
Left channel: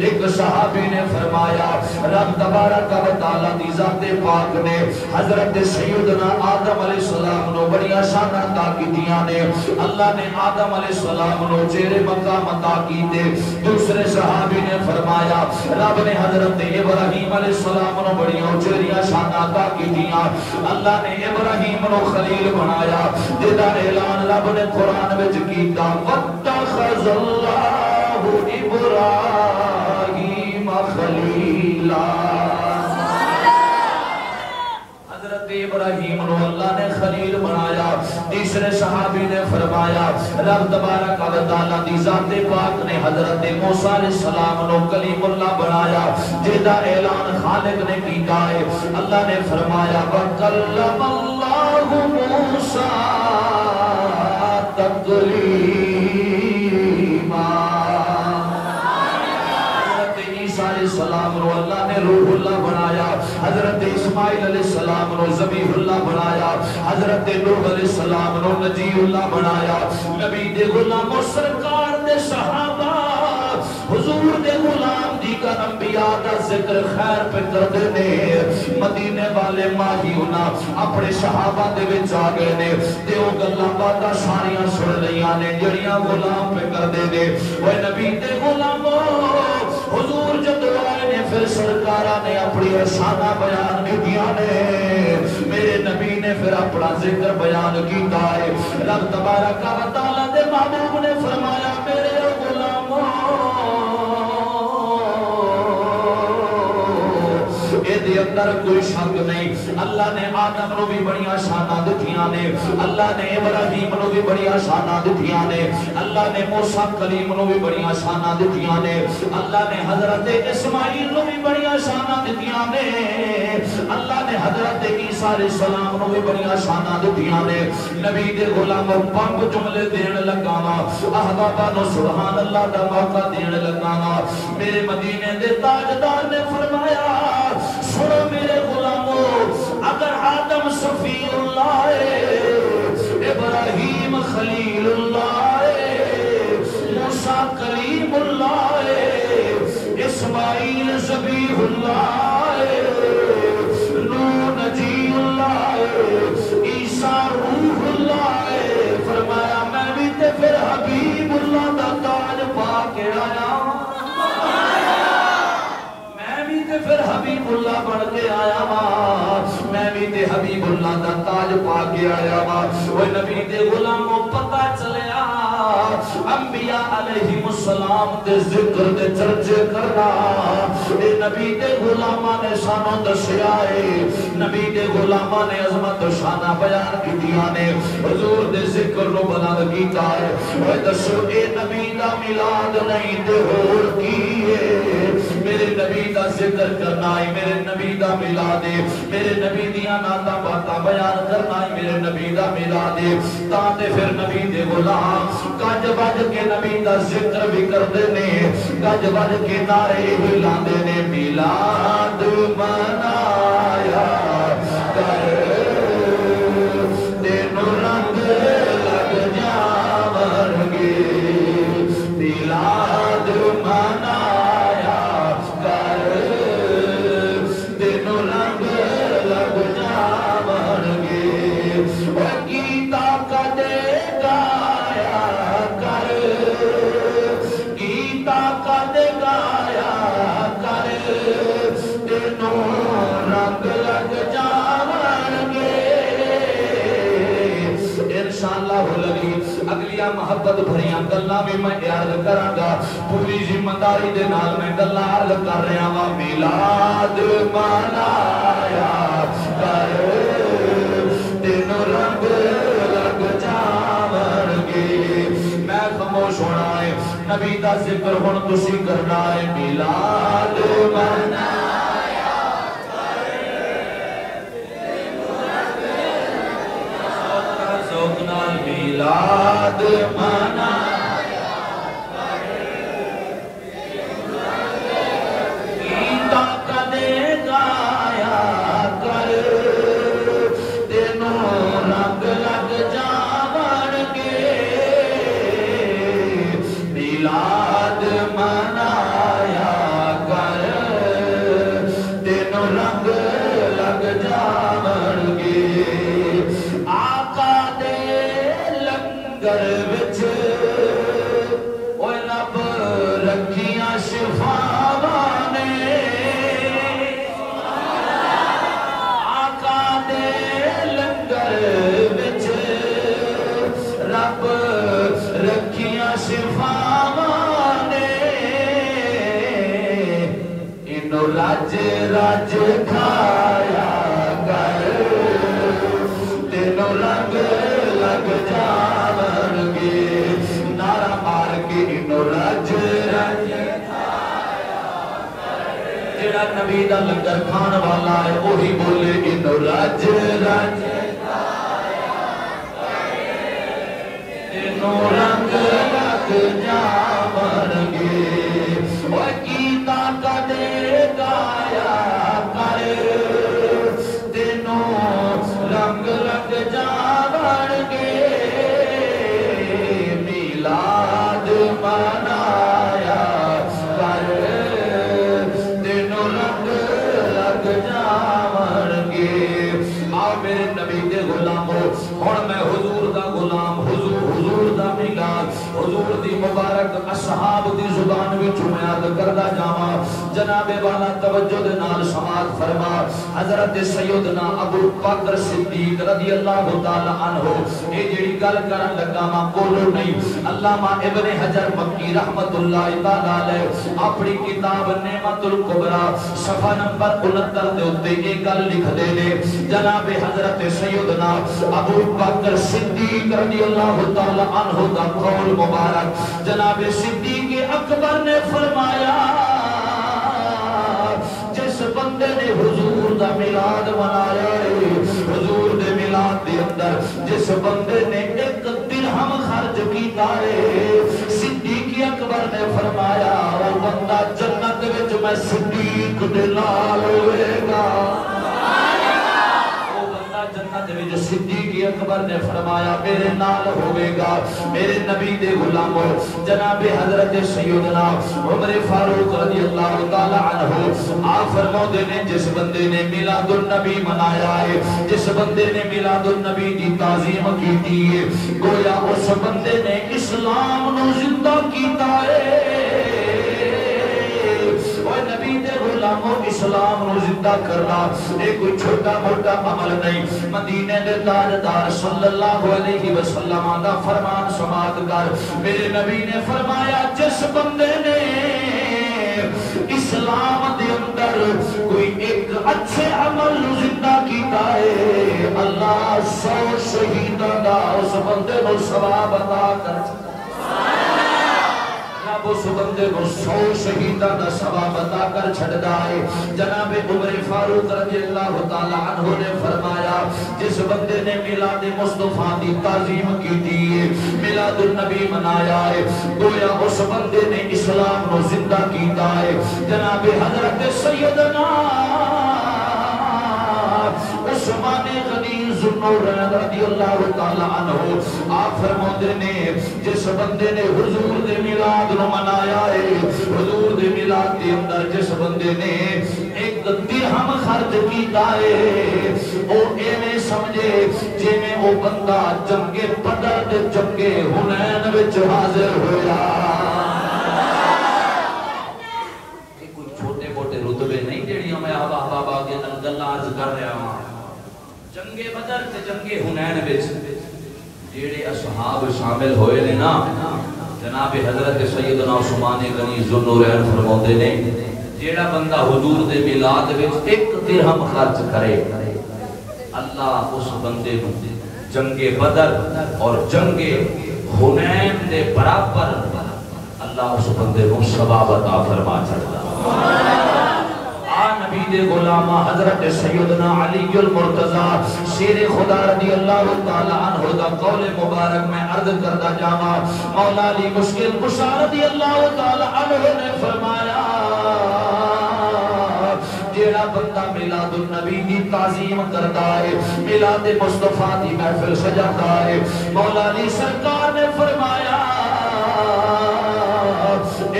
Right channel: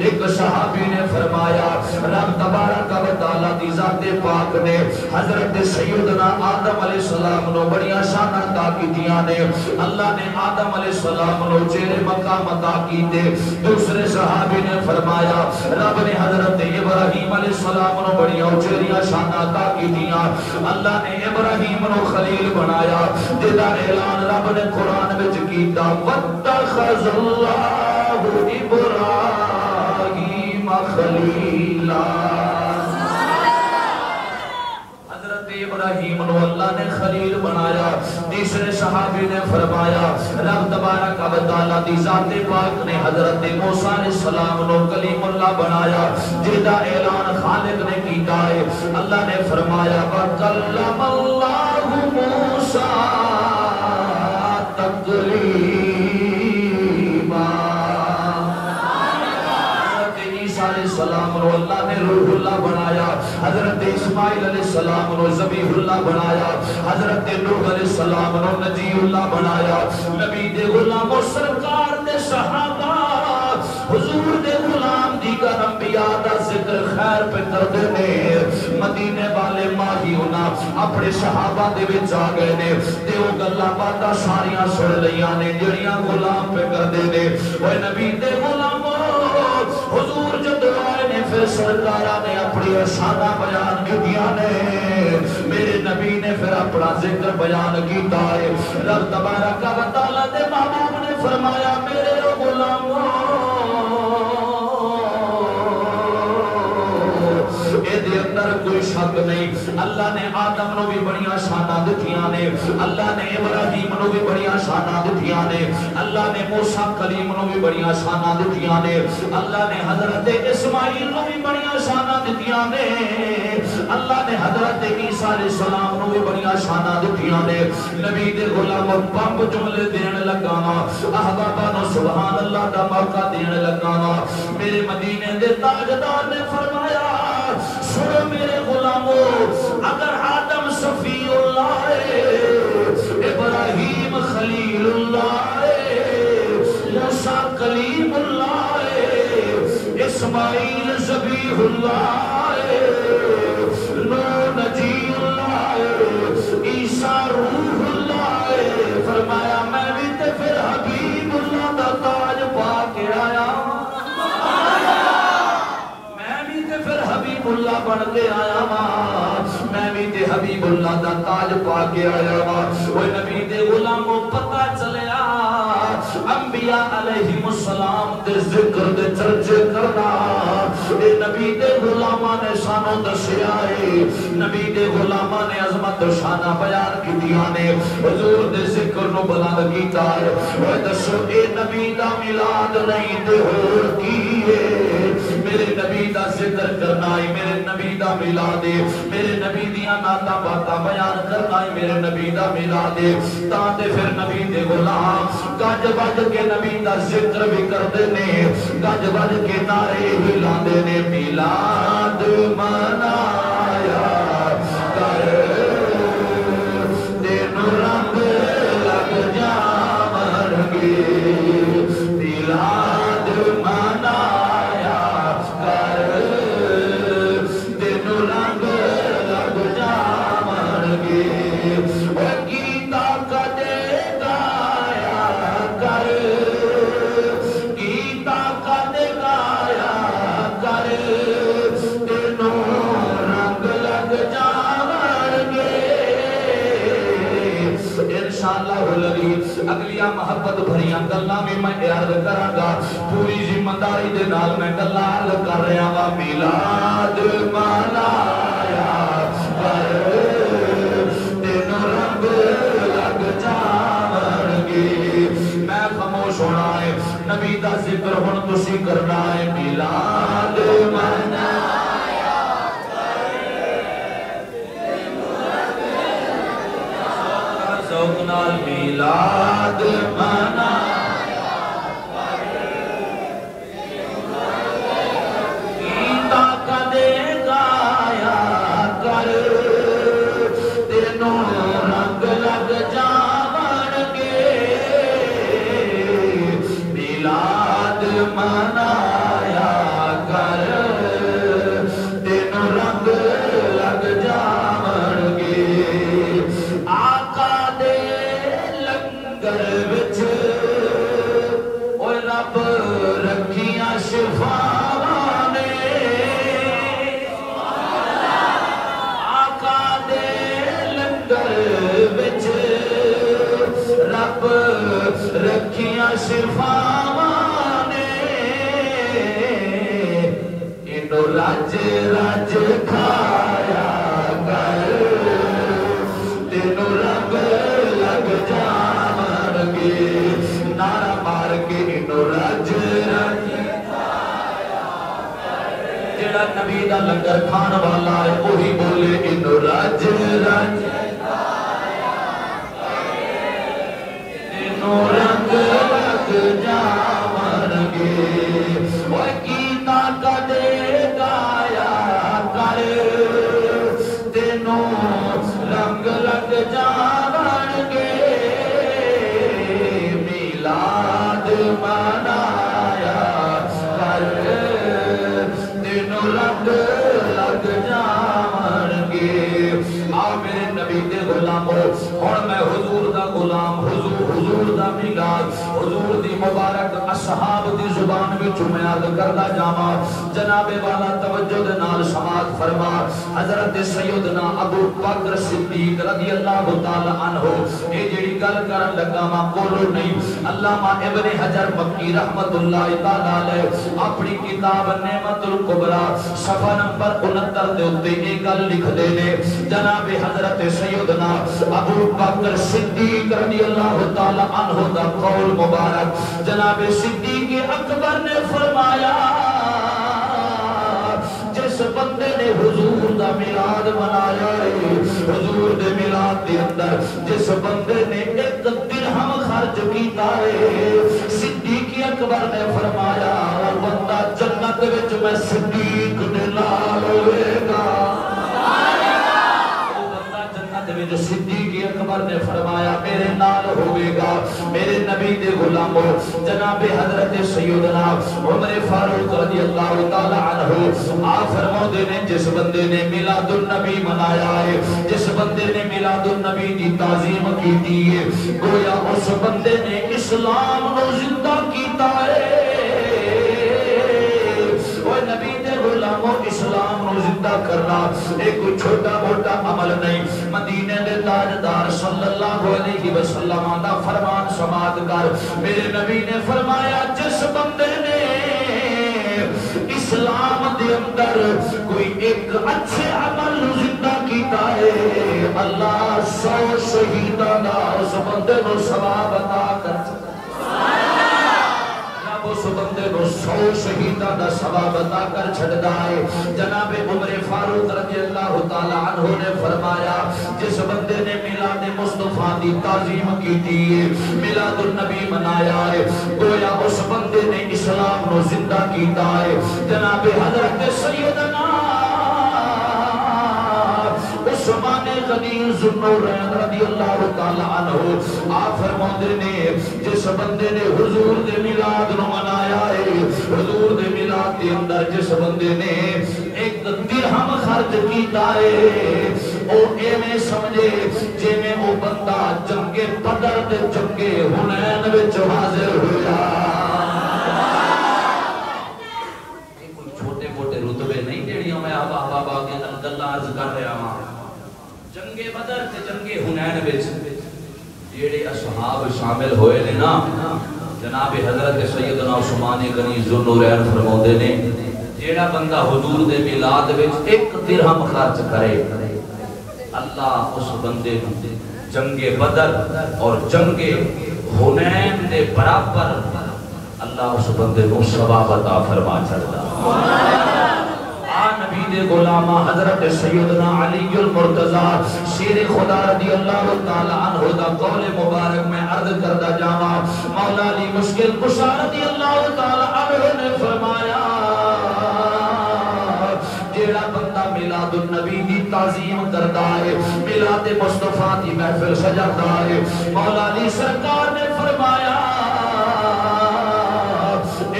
ایک صحابی نے فرمایا رب تبارک و تعالی دی ذات پاک نے حضرت سیدنا آدم علیہ السلام نو بڑی شان عطا کیتیاں نے اللہ نے آدم علیہ السلام نو چہرے مقام عطا کیتے دوسرے صحابی نے فرمایا رب نے حضرت ابراہیم علیہ السلام نو بڑی چہرے شان عطا کیتیاں اللہ نے ابراہیم نو خلیل بنایا جدا اعلان رب نے قرآن وچ کیتا واتخذ اللہ ابراہیم خلیلا حضرت ابراہیم نو اللہ نے خلیل بنایا تیسرے صحابی نے فرمایا رب تبارک و تعالی دی ذات پاک نے حضرت موسیٰ علیہ السلام نو کلیم اللہ بنایا جدا اعلان خالق نے کیتا ہے اللہ نے فرمایا وَكَلَّمَ اللَّهُ مُوسَىٰ تَكْلِيمًا السلام نو اللہ نے روح اللہ بنایا حضرت اسماعیل علیہ السلام نو ذبیح اللہ بنایا حضرت نوح علیہ السلام نو نجی اللہ بنایا نبی دے غلام و سرکار دے صحابہ حضور دے غلام دیگر انبیاء دا ذکر خیر پہ کردے نے اپنے صحابہ دے وچ آ گئے نے تے او گلاں باتاں ساریاں سن لیاں نے جڑیاں غلام پہ کردے نے اے نبی دے غلامو حضور جدوں آئے نے پھر سرکاراں نے اپنی شاناں بیان کیتیاں نے میرے نبی نے پھر اپنا ذکر بیان کیتا ہے رب تبارک و تعالی دے محبوب نے فرمایا میرے غلامو دے اندر کوئی شک نہیں اللہ نے آدم نو بھی بڑیاں شاناں دتیاں نے اللہ نے ابراہیم نو بھی بڑیاں شاناں دتیاں نے اللہ نے موسیٰ کلیم نو بھی بڑیاں شاناں دتیاں نے اللہ نے حضرت اسماعیل نو بھی بڑیاں شاناں دتیاں نے اللہ نے حضرت عیسیٰ علیہ السلام نو بھی بڑیاں شاناں دتیاں نے نبی دے غلام پنج جملے دین لگا وا احباباں نو سبحان اللہ دا موقع دین لگا وا میرے مدینے دے تاجدار نے فرمایا سنو میرے غلامو اگر آدم صفی اللہ ہے ابراہیم خلیل اللہ ہے موسیٰ کلیم اللہ ہے اسماعیل ذبیح اللہ ہے نوح نجی اللہ ہے عیسیٰ روح اللہ ہے فرمایا میں بھی تے پھر حبیب اللہ دا تاج پا کے آیا پھر حبیب اللہ بن کے آیا وا میں بھی تے حبیب اللہ دا تاج پا کے آیا وا وہ نبی دے غلاموں پتہ چلیا انبیاء علیہ السلام دے ذکر دے چرچے کرنا اے نبی دے غلاماں نے سانوں دسیا ہے نبی دے غلاماں نے عظمت و شانہ بیان کیتیاں نے حضور دے ذکر نو بلند کیتا ہے وہ دسو اے نبی دا میلاد نہیں تے ہور کی ہے میرے نبی دا ذکر کرنا ہے میرے نبی دا میلاد ہے میرے نبی دیاں نعتاں باتاں بیان کرنا ہے میرے نبی دا میلاد ہے تاں تے پھر نبی دے غلام گج بج کے نبی دا ذکر بھی کردے نے گج بج کے نعرے بھی لاندے نے میلاد منایا کر تینو رنگ لگ جاون گے میلاد منایا کر تینو رنگ لگ جاون گے گیتا کدے گایا کر گیتا کدے گایا کر تینو رنگ لگ جاون گے انشاءاللہ لگی اگلیاں محبت بھریاں گلاں بھی میں عرض کراں گا پوری ذمہ داری دے نال میں گلاں عرض کر رہا وا میلاد منایا کر تینو رنگ لگ جاون گے میں خاموش ہونا ہے نبی دا ذکر ہن تسی کرنا ہے میلاد منایا ذوق نال میلاد منایا گیتا کدے گایا کر تینو رنگ لگ جاون گے میلاد منایا کر تینو رنگ لگ جاون گے آقا دے لنگر وچ اوے رب رکھیاں شفاواں نے آقا دے لنگر وچ رب رکھیاں شفاواں نے اینو رج رج کھایا کر تینو رنگ لگ جاون گے نعرہ مار کے اینو رج رج کھایا کر جڑا نبی دا لنگر کھان والا ہے وہی بولے اینو رج رج کھایا کر تینو رنگ لگ جاون گے وہ گیتا کدے گایا کر تینو رنگ لگ جاون گے میلاد منایا کر تینو رنگ لگ جاون نبی دے غلامو ہن میں حضور دا غلام حضور دا میلاد حضور دی مبارک اصحاب دی زبان وچ میں عرض کردا جاواں جناب والا توجہ دے نال سماعت فرما حضرت سیدنا ابو بکر صدیق رضی اللہ تعالی عنہ اے جڑی گل کرن لگا وا کولو نہیں علامہ ابن حجر مکی رحمت اللہ تعالی علیہ اپنی کتاب نعمت الکبریٰ صفحہ نمبر 69 دے اوتے یہ گل لکھ دے نے جناب حضرت سیدنا ابو بکر صدیق رضی اللہ تعالی عنہ دا قول مبارک جناب صدیق اکبر نے فرمایا جس بندے نے حضور دا میلاد منایا ہے حضور دے میلاد دے اندر جس بندے نے ایک درہم خرچ کیتا ہے صدیق اکبر نے فرمایا وہ بندہ جنت وچ میں صدیق دے نال ہوئے گا صدیق اکبر نے فرمایا میرے نال ہوئے گا میرے نبی دے غلاموں جناب حضرت سیدنا عمر فاروق رضی اللہ تعالی عنہ آپ فرماتے ہیں جس بندے نے میلاد النبی منایا ہے جس بندے نے میلاد النبی دی تعظیم کی ہے گویا اس بندے نے اسلام نو زندہ کیتا ہے نبی دے غلاموں اسلام نو زندہ کرنا ایک چھوٹا موٹا عمل نہیں مدینے دے تاجدار صلی اللہ علیہ وسلم دا فرمان سماعت کر میرے نبی نے فرمایا جس بندے نے اسلام دے اندر کوئی ایک اچھے عمل زندہ کیتا ہے اللہ 100 شہیداں دا اس بندے کو ثواب عطا کر اس بندے کو 100 شہیدہ دا ثواب عطا کر چھڑدا ہے جناب عمر فاروق رضی اللہ تعالی عنہ نے فرمایا جس بندے نے میلاد مصطفیٰ دی تعظیم کی ہے میلاد النبی منایا ہے گویا اس بندے نے اسلام کو زندہ کیتا ہے جناب حضرت سیدنا عثمان غنی ذوالنورین رضی اللہ تعالی عنہ آپ فرماتے نے جس بندے نے حضور دے میلاد نو منایا ہے حضور دے میلاد کے اندر جس بندے نے ایک درہم خرچ کیتا ہے او ایویں سمجھے جے میں او بندہ جنگ بدر تے جنگ حنین وچ حاضر ہویا کوئی چھوٹے موٹے رتبے نہیں جڑیاں میں آبا کے اندر گلاں عرض کر رہا ہوں جنگ بدر تے جنگ حنین وچ جڑے اصحاب شامل ہوئے نے نا جناب حضرت سیدنا عثمان غنی ذوالنورین فرماتے نے جیڑا بندہ حضور دے میلاد وچ ایک درہم خرچ کرے اللہ اس بندے کو جنگ بدر اور جنگ حنین دے برابر اللہ اس بندے کو ثواب عطا فرما چھڑدا نبی دے غلامہ حضرت سیدنا علی المرتضی شیر خدا رضی اللہ تعالی عنہ دا قول مبارک میں عرض کردہ جاما مولا علی مشکل کشا رضی اللہ تعالی عنہ نے فرمایا جیڑا بندہ میلاد النبی دی تعظیم کرتا ہے میلاد مصطفیٰ دی محفل سجاتا ہے مولا علی سرکار نے فرمایا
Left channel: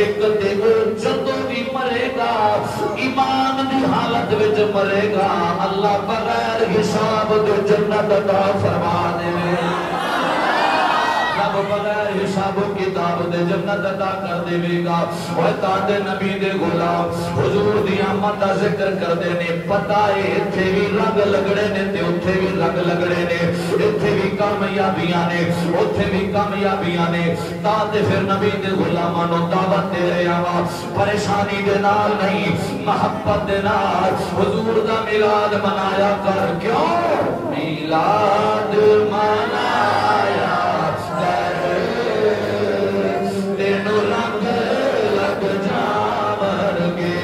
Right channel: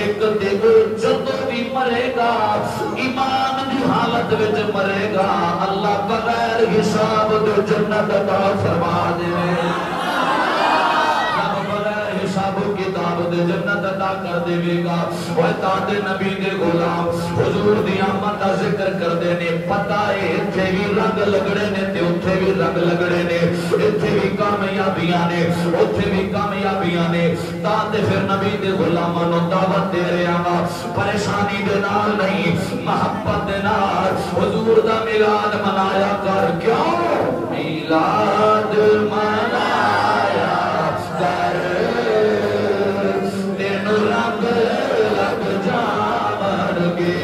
ایک دن جدو بھی مرے گا ایمان دی حالت وچ مرے گا اللہ بغیر حساب دے جنت عطا فرما دے بغیر حساب و کتاب دے جنت عطا کر دے گا وہ تاندے نبی دے غلام حضور دی آمد دا ذکر کر دے نے پتہ ہے اتھے بھی رنگ لگڑے نے تے اتھے بھی رنگ لگڑے نے اتھے بھی کامیابیاں نے اتھے بھی کامیابیاں نے تاندے پھر نبی دے غلاماں نو دعوت دے رہے آوا پریشانی دے نال نہیں محبت دے نال حضور دا میلاد منایا کر کیوں میلاد منایا کر تینو رنگ لگ جاون گے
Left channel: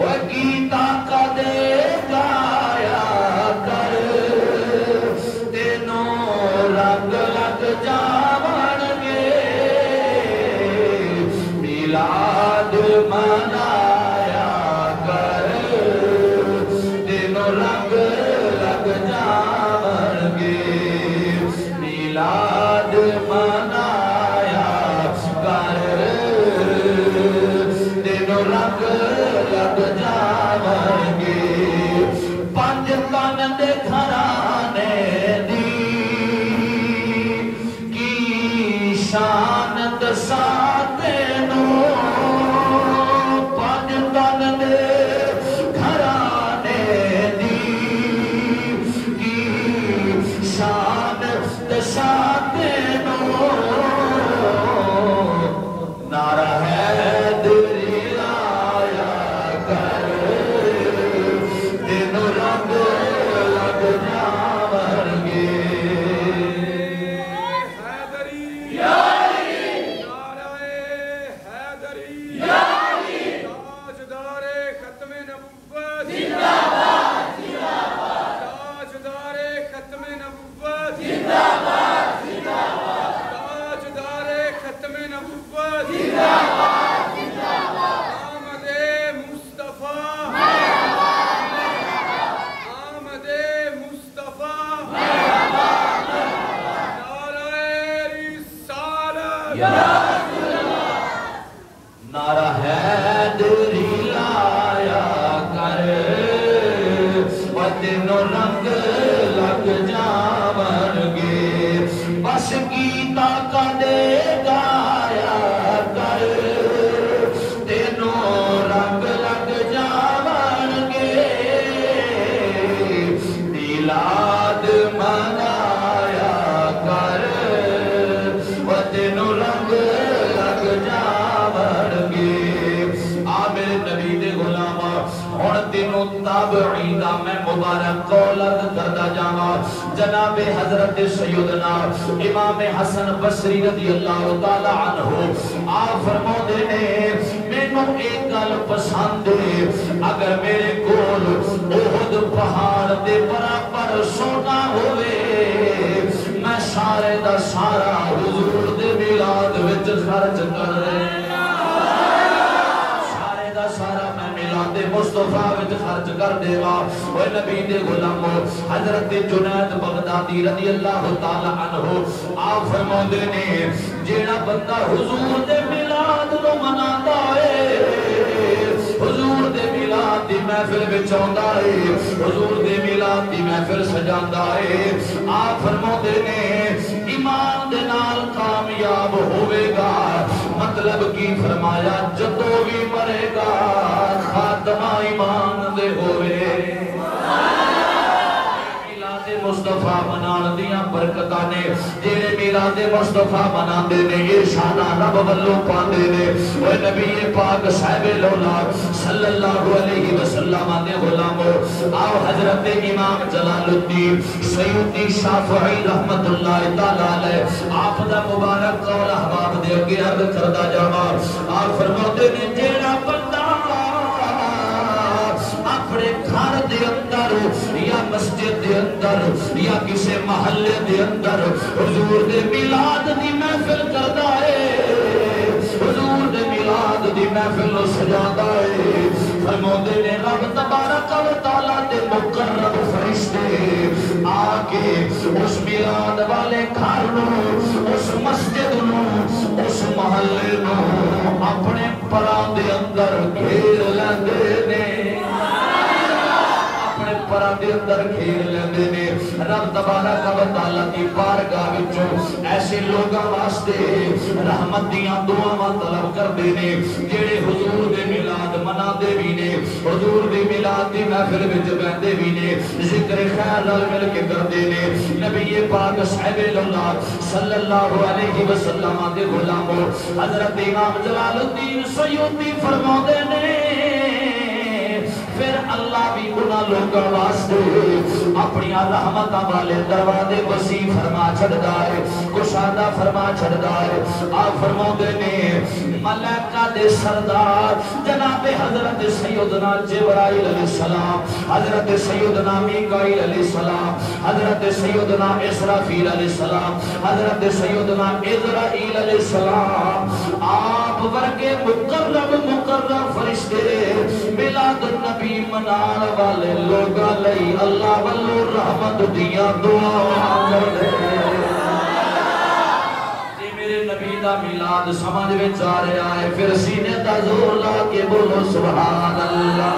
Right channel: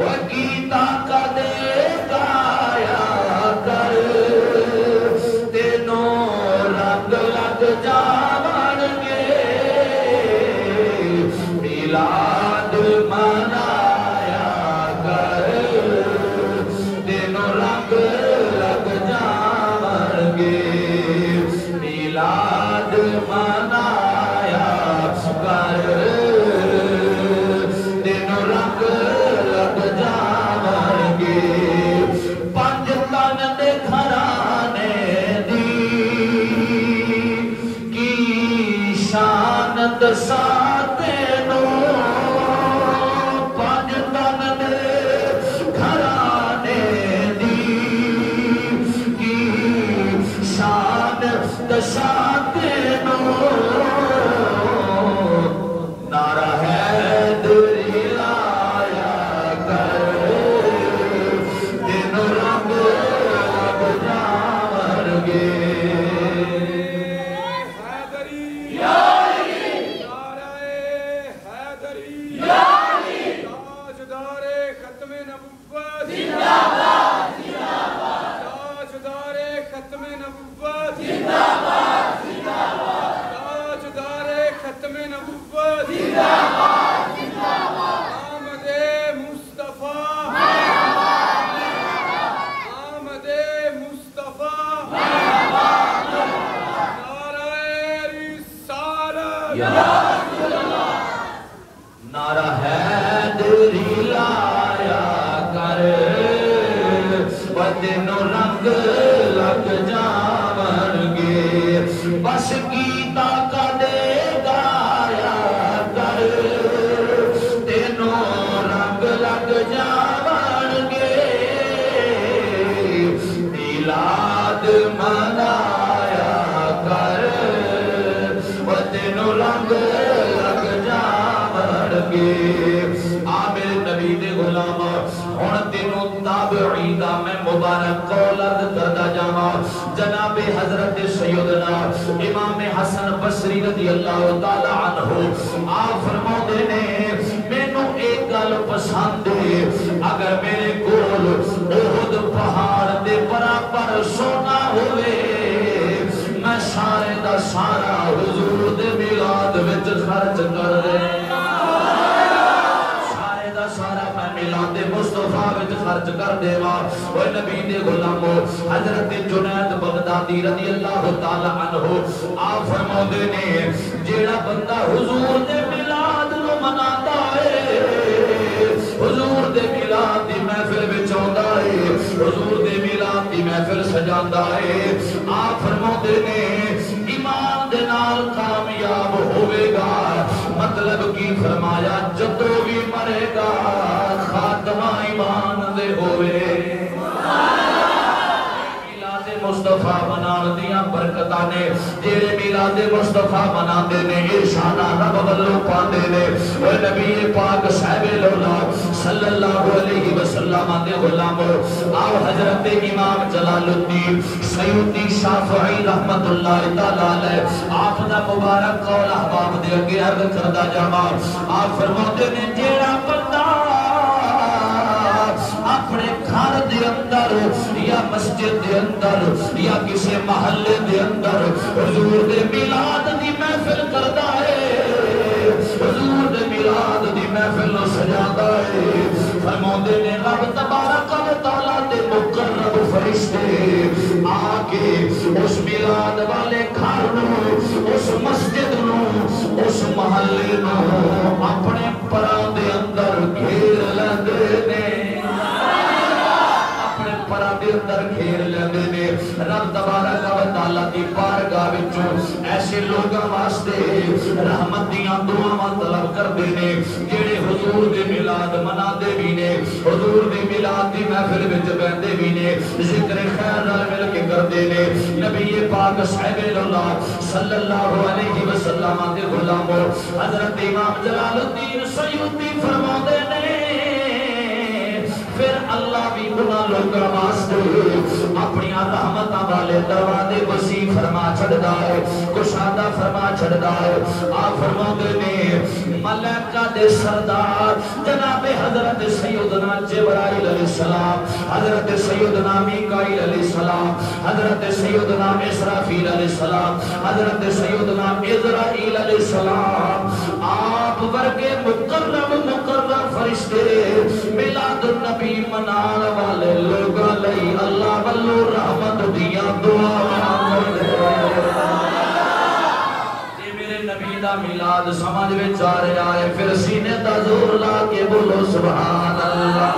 وگیتا کا دے گایا کر تینو رنگ لگ جاون گے میلاد منایا کر تینو رنگ لگ جاون گے نعرہ حیدری لایا کر تینوں رنگ لگ جاون گے بس گیتا کا دے گایا کر تینوں رنگ لگ جاون گے میلاد منایا کر تینوں رنگ لگ جاون گے آمیر نبی دے غلام اور تینوں تابعین دا میں مبارک قولت کردہ جانا جناب حضرت سیدنا امام حسن بصری رضی اللہ تعالی عنہ آپ فرمو دینے میں نو ایک گل پسند ہے اگر میرے کول احد پہاڑ دے برابر سونا ہوئے میں سارے دا سارا حضور دے میلاد وچ خرچ کر دے مصطفیٰ وچ خرچ کر دیوا وہ نبی دے غلامو حضرت جنید بغدادی رضی اللہ تعالی عنہ آپ فرماندے نے جیڑا بندہ حضور دے میلاد نو مناتا ہے حضور دے میلاد دی محفل وچ آندا ہے حضور دے میلاد دی محفل سجاندا ہے آپ فرماندے نے ایمان دے نال کامیاب ہوے گا مطلب کی فرمایا جدو بھی مرے گا خاتمہ ایمان دے ہوئے میلاد مصطفیٰ منان دیاں برکتانے جیرے میلاد مصطفیٰ منان دینے ارشانہ رب واللو پاندے نے وہ نبی پاک صاحب لولا صلی اللہ علیہ وسلم دے غلام آو حضرت امام جلال الدین سیدی شافعی رحمت اللہ تعالی آپ دا مبارک قول احباب دے اگے عرض کردہ جاما آپ فرماتے نے جیڑا بندہ اپنے گھر دے اندر یا مسجد دے اندر یا کسی محلے دے اندر حضور دے میلاد دی محفل کردا ہے حضور دے میلاد دی محفل نو سجاتا ہے فرماندے نے رب تبارک و تعالی دے مقرب فرشتے آکے اس میلاد والے گھر نو اس مسجد نو اس محلے نو اپنے پراں دے اندر گھیر لیندے نے دے اندر گھیر لیندے نے رب تبارک و تعالی دی بارگاہ وچوں ایسے لوگاں واسطے رحمت دیاں دعاواں طلب کردے نے جڑے حضور دے میلاد مناندے وی نے حضور دی میلاد دی محفل وچ بیٹھدے وی نے ذکر خیر نال مل کے کردے نے نبی پاک صاحب اللہ صلی اللہ علیہ وسلم دے غلام حضرت امام جلال الدین سیوطی فرماندے نے پھر اللہ بھی انہاں لوگاں واسطے اپنی رحمتاں والے دروازے وسیع فرما چھڑدا ہے کشادہ فرما چھڑدا ہے آپ فرماندے نے ملائکہ دے سردار جناب حضرت سیدنا جبرائیل علیہ السلام حضرت سیدنا میکائیل علیہ السلام حضرت سیدنا اسرافیل علیہ السلام حضرت سیدنا عزرائیل علیہ السلام آپ ورگے مقرب فرشتے میلاد النبی منان والے لوگاں لئی اللہ والو رحمت دیا دعا میرے نبی دا میلاد سمجھ وچ آ رہا ہے پھر سینے دا زور لا کے بولو سبحان اللہ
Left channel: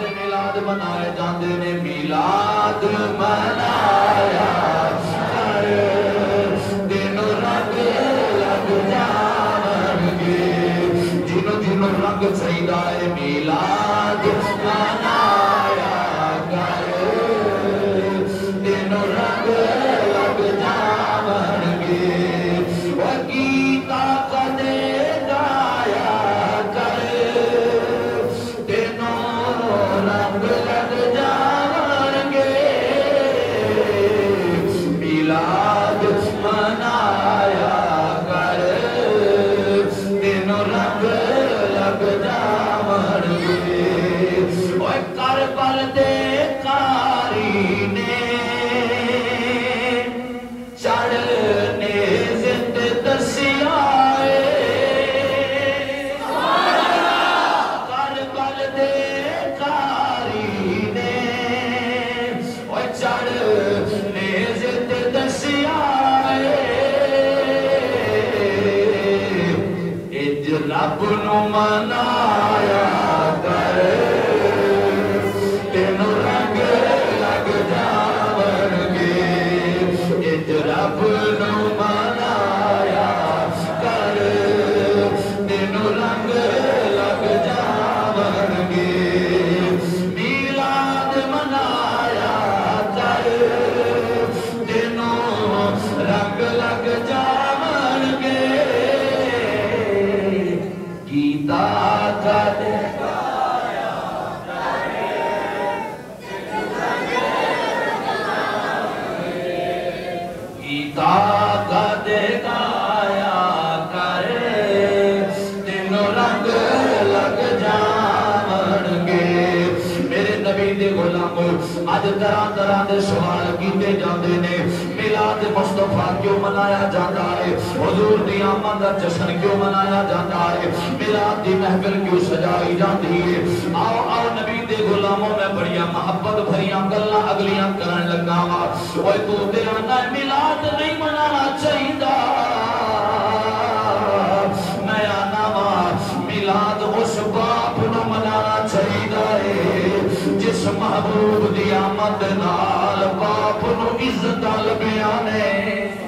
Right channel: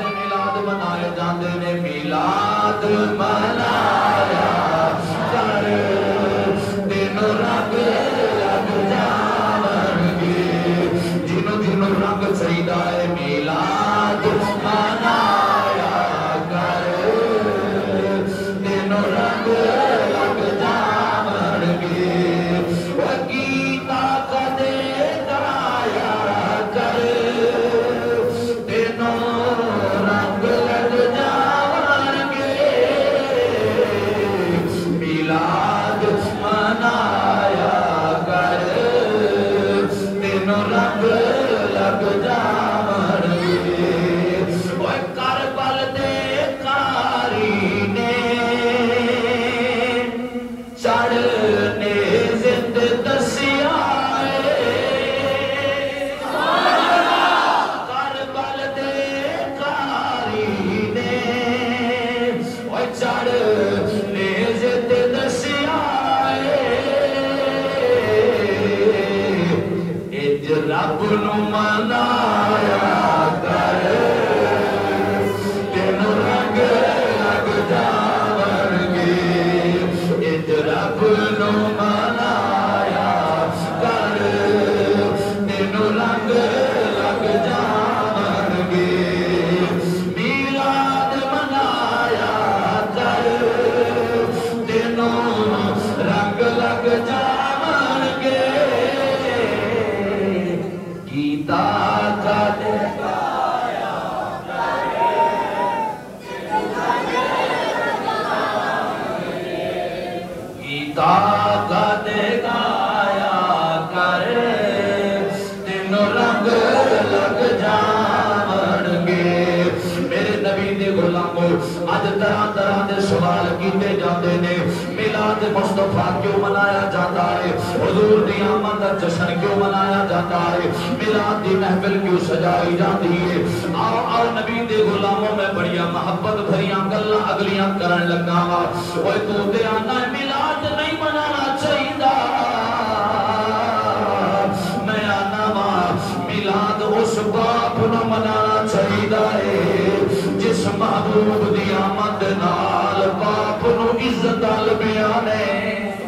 میلاد منائے جاندے نے میلاد منایا کر دن رنگ لگ جاون گے جنوں جنوں رنگ چاہیدا ہے میلاد منایا کر دن رنگ لگ جاون گے وگیتا کدے گایا کر دن رنگ لگ جاون گے نو منایا کر تینوں رنگ لگ جاون گے اج رب نو منایا کر تینوں رنگ لگ جاون گے میلاد منایا کر تینوں رنگ لگ جاون گے گیتا کا دکھایا گیتا کا دکھایا کر تینوں رنگ لگ جاون گے میرے نبی دے غلاموں اج طرح طرح دے سوال کیتے جاندے نے میلاد مصطفیٰ کیوں منایا جاتا ہے حضور دی آمد دا جشن کیوں منایا جاتا ہے میلاد دی محفل کیوں سجائی جاتی ہے آؤ آؤ نبی دے غلاموں میں بڑیاں محبت بھریاں گلاں اگلیاں کرن لگا وا اوے تو تے آنا میلاد نہیں منانا چاہیدا میں آنا وا میلاد اس باپ نو منانا چاہیدا ہے جس محبوب دی آمد نال باپ نو عزت لبیاں نے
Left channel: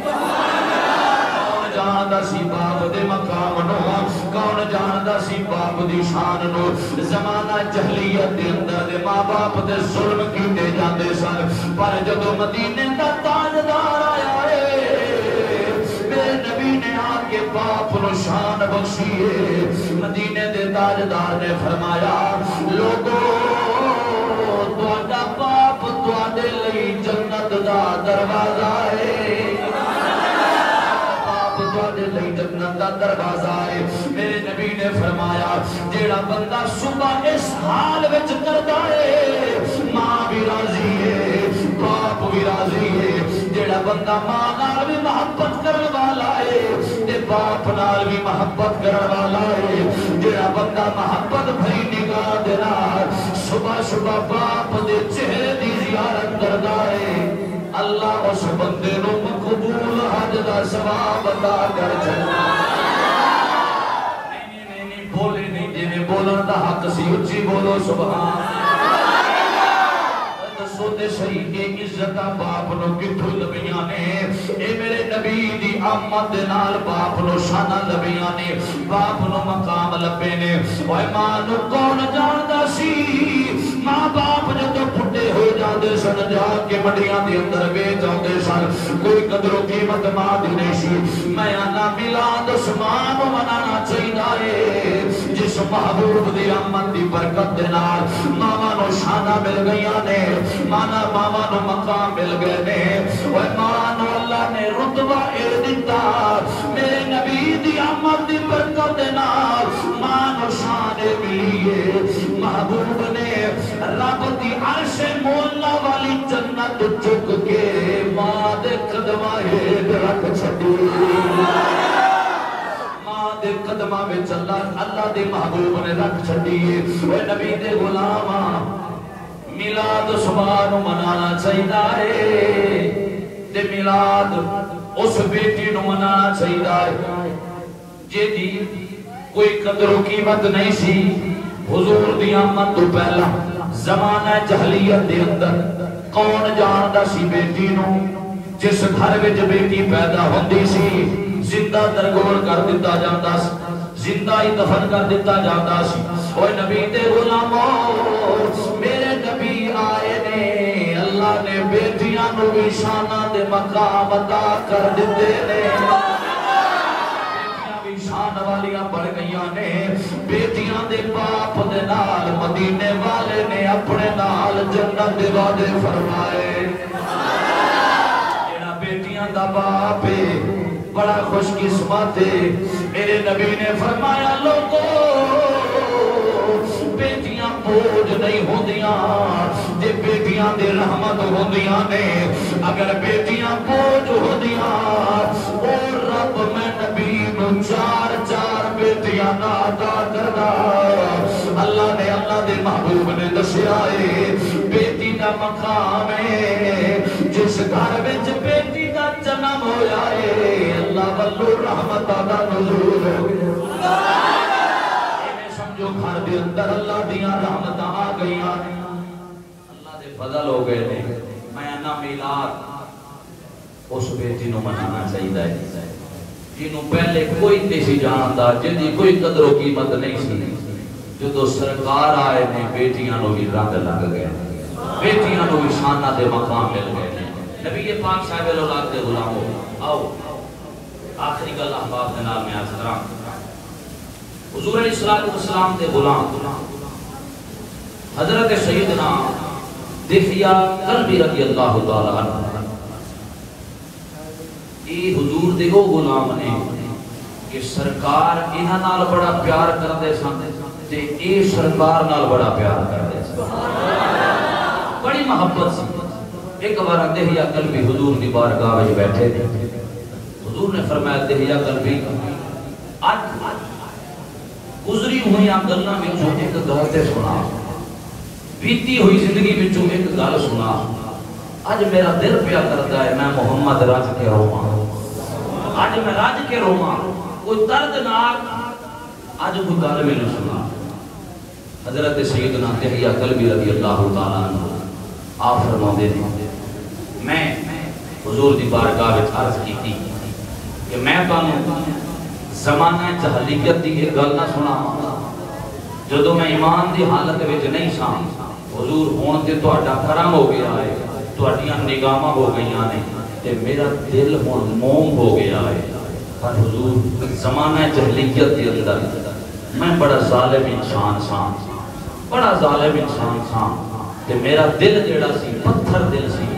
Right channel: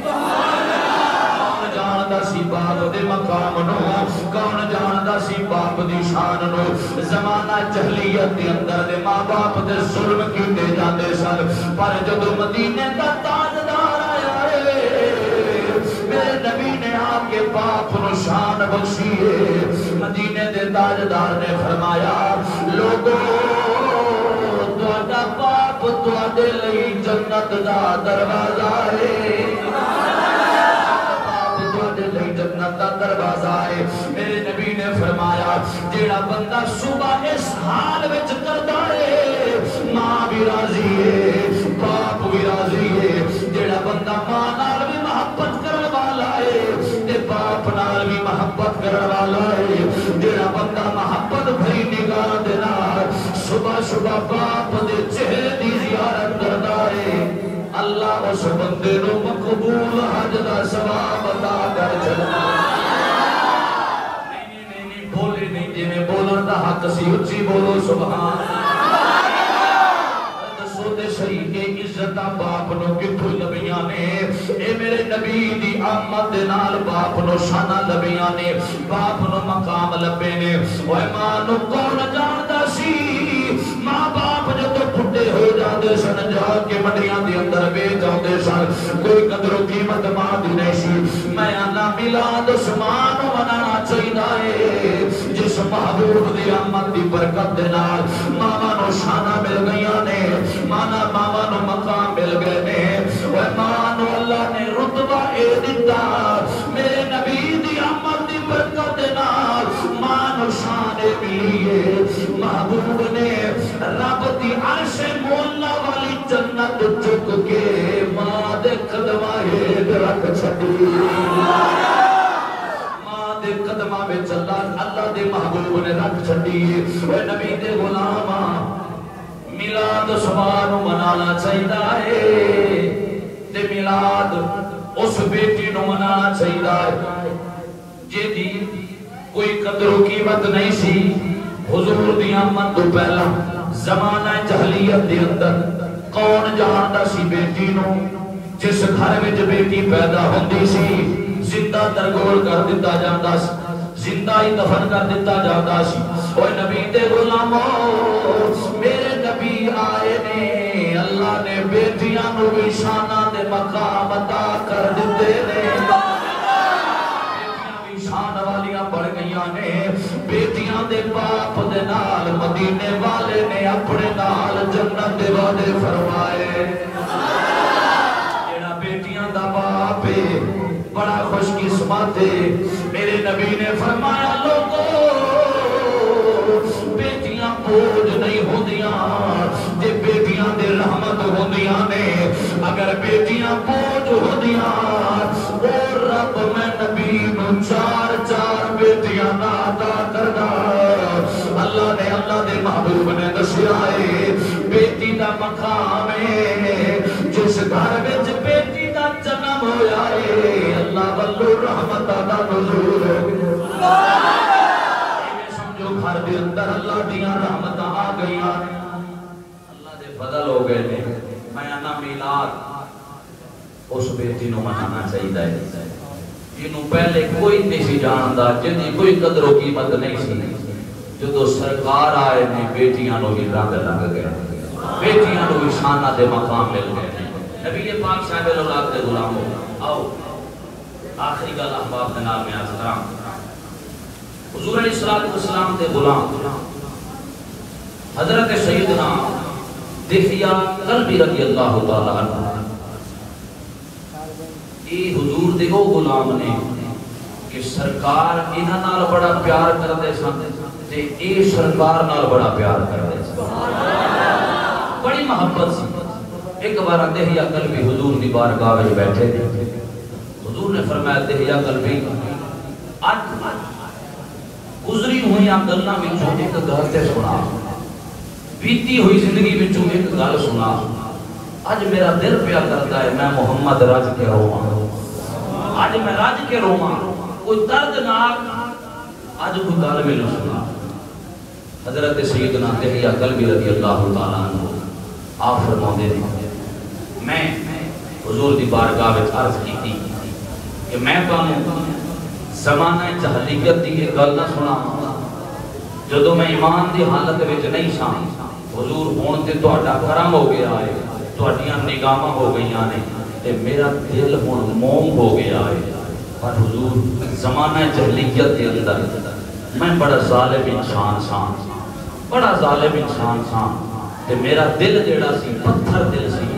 کون جاندا سی باپ دے مقام نو کون جاندا سی باپ دی شان نو زمانہ جہلیت دے اندر دے ماں باپ دے ظلم کیتے جاندے سن پر جدوں مدینے دا تاجدار آیا ہے میرے نبی نے آ کے باپ نو شان بخشی ہے مدینے دے تاجدار نے فرمایا لوگوں باپ تواڈے لئی جنت دا دروازہ ہے باپ تواڈے لئی جنت دا دروازہ ہے میرے نبی نے فرمایا جیڑا بندہ صبح اس حال وچ کردا ہے ماں بھی راضی ہے باپ بھی راضی ہے جیڑا بندہ ماں نال بھی محبت کرن والا ہے تے باپ نال بھی محبت کرن والا ہے جیڑا بندہ محبت بھری نگاہ دے نال صبح صبح باپ دے چہرے دی زیارت کردا ہے اللہ اس بندے نو مقبول حج دا ثواب عطا کر چھڈدا نہیں بولے نہیں جویں بولن دا حق سی اچھی بولو سبحان اللہ دسو تے صحیح کہ عزتاں باپ نو کتھوں لبیاں نے اے میرے نبی دی آمد دے نال باپ نو شاناں لبیاں نے باپ نو مقام لبے نے اوے ماں نو کون جاندا سی ماں باپ جدوں پھٹے ہو جاندے سن جا کے منڈیاں دے اندر بیچ جاندے سن کوئی قدر و قیمت ماں دی نہیں سی میں آنا میلاد اس ماں نو منانا چاہیدا ہے جس محبوب دی آمد دی برکت دے نال ماواں نو شاناں مل گئیاں نے ماواں نو مقام مل گئے نے اوے ماں نو اللہ نے رتبہ اے دتا میرے نبی دی آمد دی برکت دے نال ماں نو شان ملی ہے محبوب نے رب دی عرش مولا والی جنت چک کے ماں دے قدماں ہیٹھ رکھ چھڈی ماں دے قدماں وچ اللہ دے محبوب نے رکھ چھڈی اوے نبی دے غلاماں میلاد صبح نو منانا چاہیدا ہے تے میلاد اس بیٹی نو منانا چاہیدا ہے جیدی کوئی قدر و قیمت نہیں سی حضور دی آمد تو پہلا زمانہ جہلیت دے اندر کون جاندا سی بیٹی نو جس گھر وچ بیٹی پیدا ہوندی سی زندہ درگور کر دتا جاندا سی زندہ ہی دفن کر دتا جاندا سی اوے نبی دے غلاموں میرے نبی آئے نے اللہ نے بیٹیاں نو بھی شاناں دے مقام عطا کر دتے نے بیٹیاں بھی شان والیاں بڑھ گئیاں نے بیٹیاں دے باپ دے نال مدینے والے نے اپنے نال جنت دے وعدے فرمائے جیڑا بیٹیاں دا باپ ہے بڑا خوش قسمت ہے میرے نبی نے فرمایا لوگوں بیٹیاں بوجھ نہیں ہوندیاں تے بیٹیاں دے رحمت ہوندیاں نے اگر بیٹیاں بوجھ ہوندیاں اور رب میں نبی نو چار چار بیٹیاں عطا کردا اللہ دے محبوب نے دسیا ہے بیٹی دا مقام ہے جس گھر وچ بیٹی دا جنم ہویا ہے اللہ والو رحمت دا نزول ہو گیا اندر اللہ دیاں رحمتاں آ گئی اللہ دے فضل ہو گئے نے میں انا میلاد اس بیٹی نو منانا چاہیے جنوں پہلے کوئی نہیں سی جانتا جنی کوئی قدر و قیمت نہیں سی جدو سرکار آئے نے بیٹیاں نو بھی رنگ لگ گئے بیٹیاں نو بھی شانہ دے مقام مل گئے نبی پاک صاحب الاولاد دے غلام ہو آؤ آخری گل احباب دے نال میں عرض کراں حضور علیہ السلام دے غلام حضرت سیدنا دحیہ کلبی رضی اللہ تعالی عنہ یہ حضور دے وہ غلام نے کہ سرکار انہاں نال بڑا پیار کردے سن تے اے سرکار نال بڑا پیار کردے سن بڑی محبت سی ایک بار دحیہ کلبی حضور دی بارگاہ وچ بیٹھے تھے حضور نے فرمایا دحیہ کلبی آج گزری ہوئی گلاں وچوں ایک گل تے سنا بیتی ہوئی زندگی وچوں ایک گل سنا اج میرا دل پیا کرتا ہے میں محمد رج کے رواں اج میں رج کے رواں کوئی دردناک اج کوئی گل مینوں سنا حضرت سیدنا دحیہ کلبی رضی اللہ تعالی عنہ آپ فرماندے نے میں حضور دی بارگاہ وچ عرض کیتی کہ میں تانوں زمانہ جاہلیت دی ایک گل نہ سناواں جدوں میں ایمان دی حالت وچ نہیں ساں حضور ہون تے تہاڈا کرم ہو گیا ہے تہاڈیاں نگاہاں ہو گئیاں نے تے میرا دل ہن موم ہو گیا ہے پر حضور زمانہ جاہلیت دے اندر میں بڑا ظالم انسان ساں بڑا ظالم انسان ساں تے میرا دل جیڑا سی پتھر دل سی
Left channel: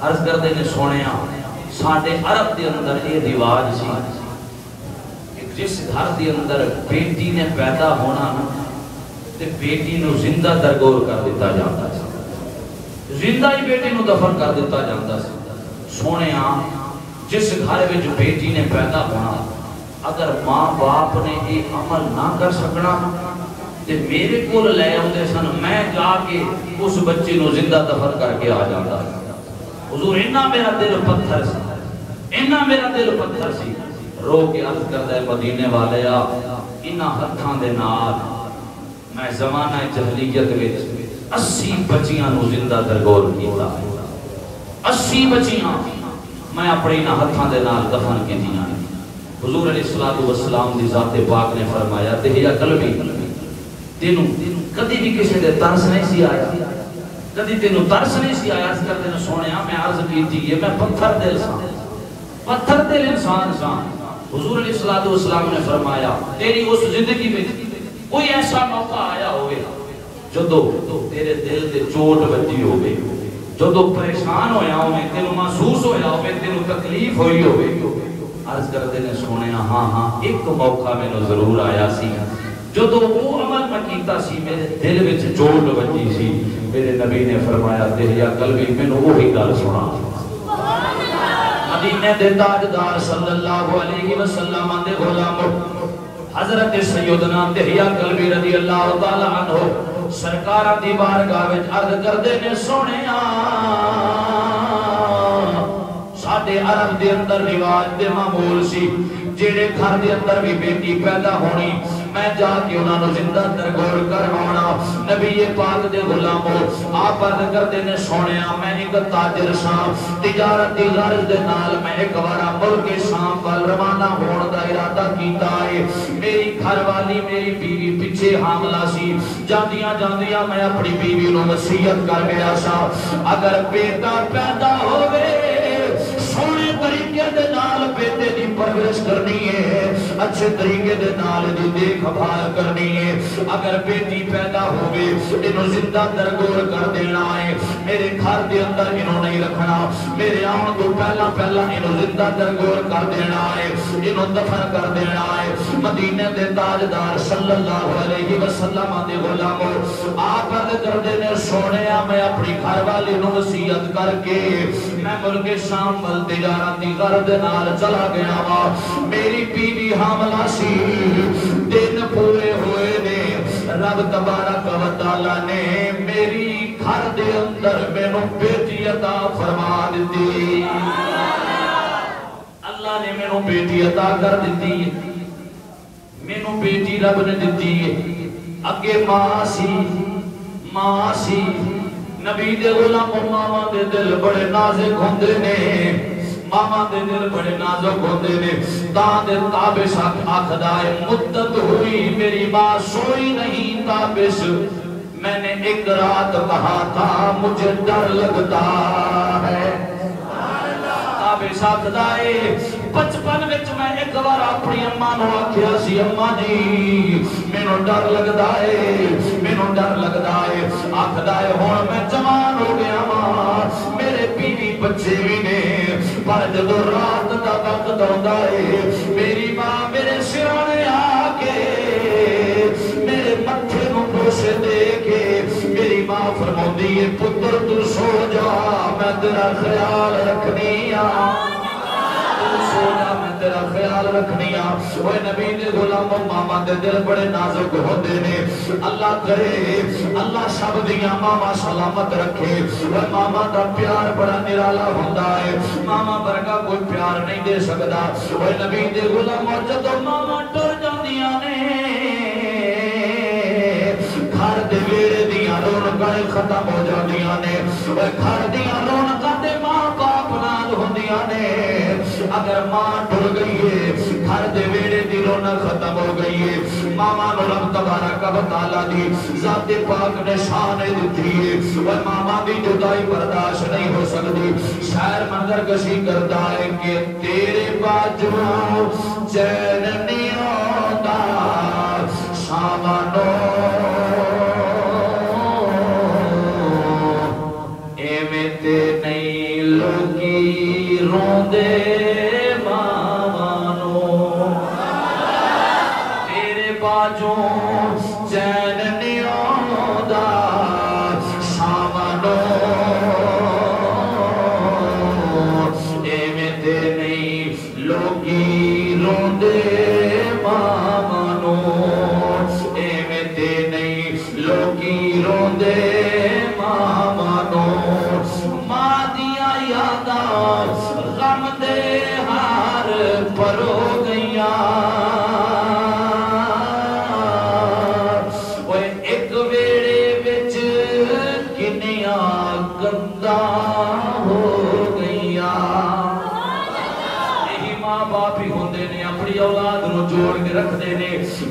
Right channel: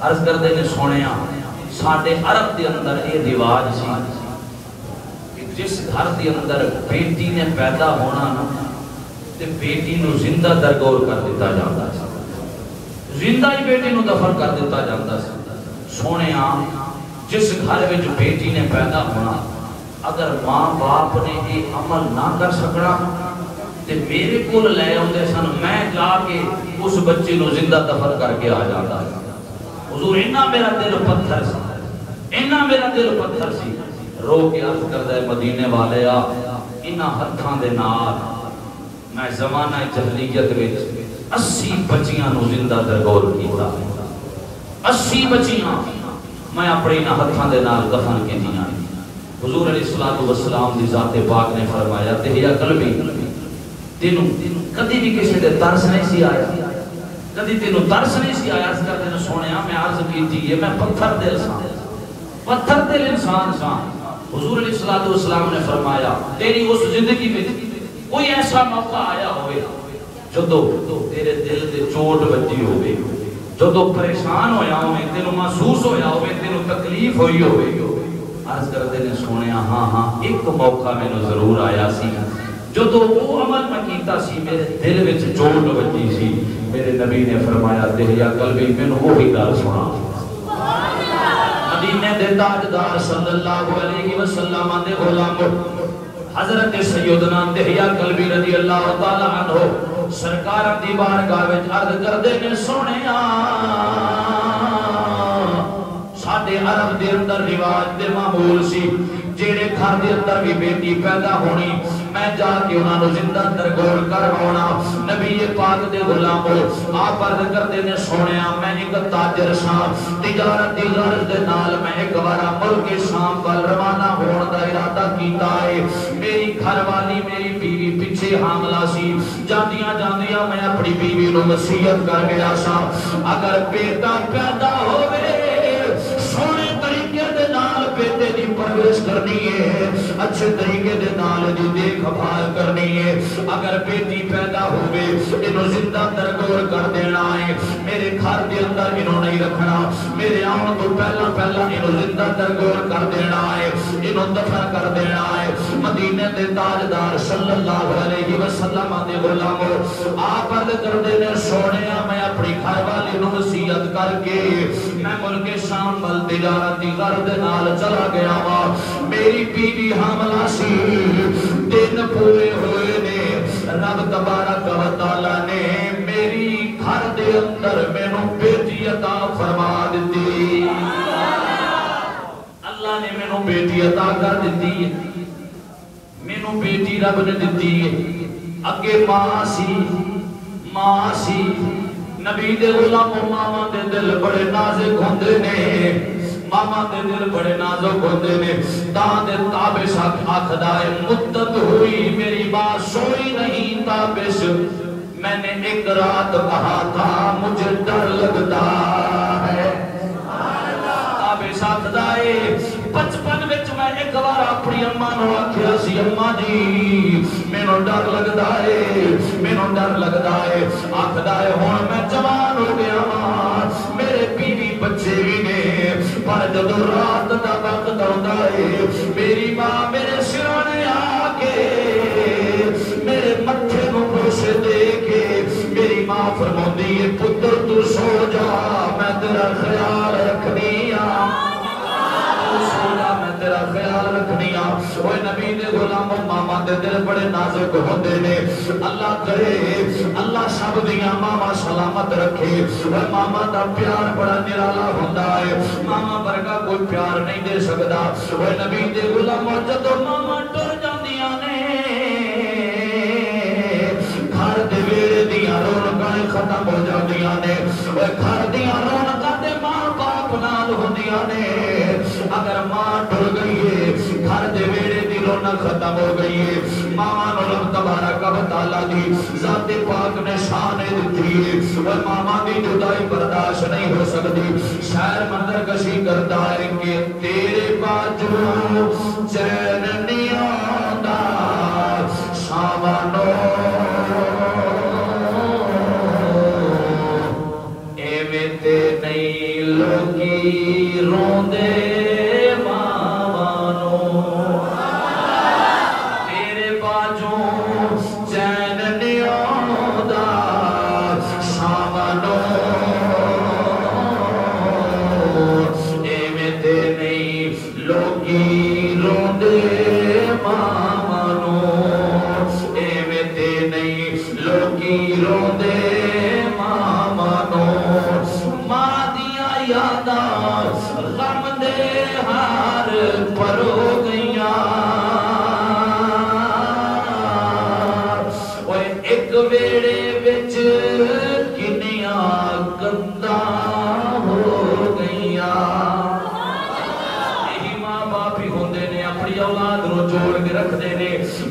عرض کردے نے سونیا ساڈے عرب دے اندر یہ رواج سی کہ جس گھر دے اندر بیٹی نے پیدا ہونا تے بیٹی نو زندہ درگور کر دیتا جاتا سی زندہ ہی بیٹی نو دفن کر دیتا جاتا سی سونیا جس گھر وچ بیٹی نے پیدا ہونا اگر ماں باپ نے یہ عمل نہ کر سکنا تے میرے کول لے آندے سن میں جا کے اس بچے نو زندہ دفن کر کے آ جاتا ہے حضور اتنا میرا دل پتھر سی اتنا میرا دل پتھر سی رو کے عرض کردا ہے مدینے والے انہاں ہتھاں دے نال میں زمانہ جاہلیت وچ 80 بچیاں نو زندہ درگور کیتا 80 بچیاں میں اپنے انہاں ہتھاں دے نال دفن کیتیاں حضور علیہ السلام دی ذات پاک نے فرمایا دحیہ کلبی تینوں کدی بھی کسی دے ترس نہیں سی آیا کدی تینوں ترس نہیں سی آیا اس کردے نے سونیا میں عرض کیتی ہے میں پتھر دل ساں پتھر دل انسان ساں حضور علیہ السلام نے فرمایا تیری اس زندگی میں کوئی ایسا موقع آیا ہوئے جدو تیرے دل دے چوٹ بجی ہوئے جدو پریشان ہویا ہوئے تینوں محسوس ہویا ہوئے تینوں تکلیف ہوئی ہوئے عرض کردے نے سونیا ہاں ایک موقع میں ضرور آیا سی جو تو وہ عمل میں کیتا سی میرے دل وچ چوٹ بجی سی میرے نبی نے فرمایا دحیہ کلبی مینوں وہی گل سنا مدینے دے تاجدار صلی اللہ علیہ وسلم دے غلام حضرت سیدنا دحیہ کلبی رضی اللہ تعالی عنہ سرکار دی بارگاہ وچ عرض کردے نے سونیا ساڈے عرب دے اندر رواج تے معمول سی جیڑے گھر دے اندر بھی بیٹی پیدا ہونی میں جا کے انہاں نو زندہ درگور کروانا نبی پاک دے غلامو آپ عرض کردے نے سونیا میں ایک تاجر ساں تجارت دی غرض دے نال میں ایک بار ملک شام ول روانہ ہون دا ارادہ کیتا ہے میری گھر والی میری بیوی پیچھے حاملہ سی جاندیاں میں اپنی بیوی نو وصیت کر گیا سا اگر بیٹا پیدا ہوئے سونے طریقے دے نال بیٹے دی پرورش کرنی ہے اچھے طریقے دے نال دی دیکھ بھال کرنی ہے اگر بیٹی پیدا ہوئے انہوں زندہ درگور کر دینا ہے میرے گھر دے اندر انہوں نہیں رکھنا میرے آن تو پہلا انہوں زندہ درگور کر دینا ہے انہوں دفن کر دینا ہے مدینے دے تاجدار صلی اللہ علیہ وسلم دے غلاموں آپ عرض کر دینے سونیا میں اپنی گھر والی نو وصیت کر کے میں ملک شام ول تجارتی غرض نال چلا گیا وا میری بیوی حاملہ سی دن پورے ہوئے نے رب تبارک و تعالی نے میری گھر دے اندر مینوں بیٹی عطا فرما دتی اللہ نے مینوں بیٹی عطا کر دتی مینوں بیٹی رب نے دتی اگے ماں سی نبی دے غلام ماما دے دل بڑے نازک ہوندے نے ماما دے دل بڑے نازک ہوندے نے دے تابش آخدا ہے مدت ہوئی میری ماں سوئی نہیں تابش میں نے ایک رات کہا تھا مجھے ڈر لگتا ہے تابش آخدا ہے بچپن وچ میں ایک بار اپنی اماں نو آکھیا سی اماں جی مینوں ڈر لگدا ہے آکھدا ہے ہن میں جوان ہو گیا ہاں میرے بیوی بچے بھی نے پر جدو رات دا وقت آندا ہے میری ماں میرے سرانے آ کے میرے متھے نو بوسے دے کے میری ماں فرماندی ہے پتر تو سو جا میں تیرا خیال رکھنی رکھنیاں وہ نبی دے غلام ماما دے دل بڑے نازک ہوندے نے اللہ کرے اللہ سب دیاں ماما سلامت رکھے وہ ماما دا پیار بڑا نرالا ہوندا ہے ماما ورگا کوئی پیار نہیں دے سکدا وہ نبی دے غلام جدوں ماما ٹر جاندیاں نے گھر دے ویڑے دیاں رونقاں ختم ہو جاندیاں نے وہ گھر دیاں رونقاں تے ماں باپ نال ہوندیاں نے اگر ماں ٹر گئی ہے گھر دے ویڑے دی رونق ختم ہو گئی ہے ماما نو رب تبارک و تعالی دی ذات پاک نے شان دتی ہے وہ ماما دی جدائی برداشت نہیں ہو سکتی شاعر منظر کشی کرتا ہے کہ تیرے باجو چین نہیں آندا سامانو ایویں تے نہیں لوگی روندے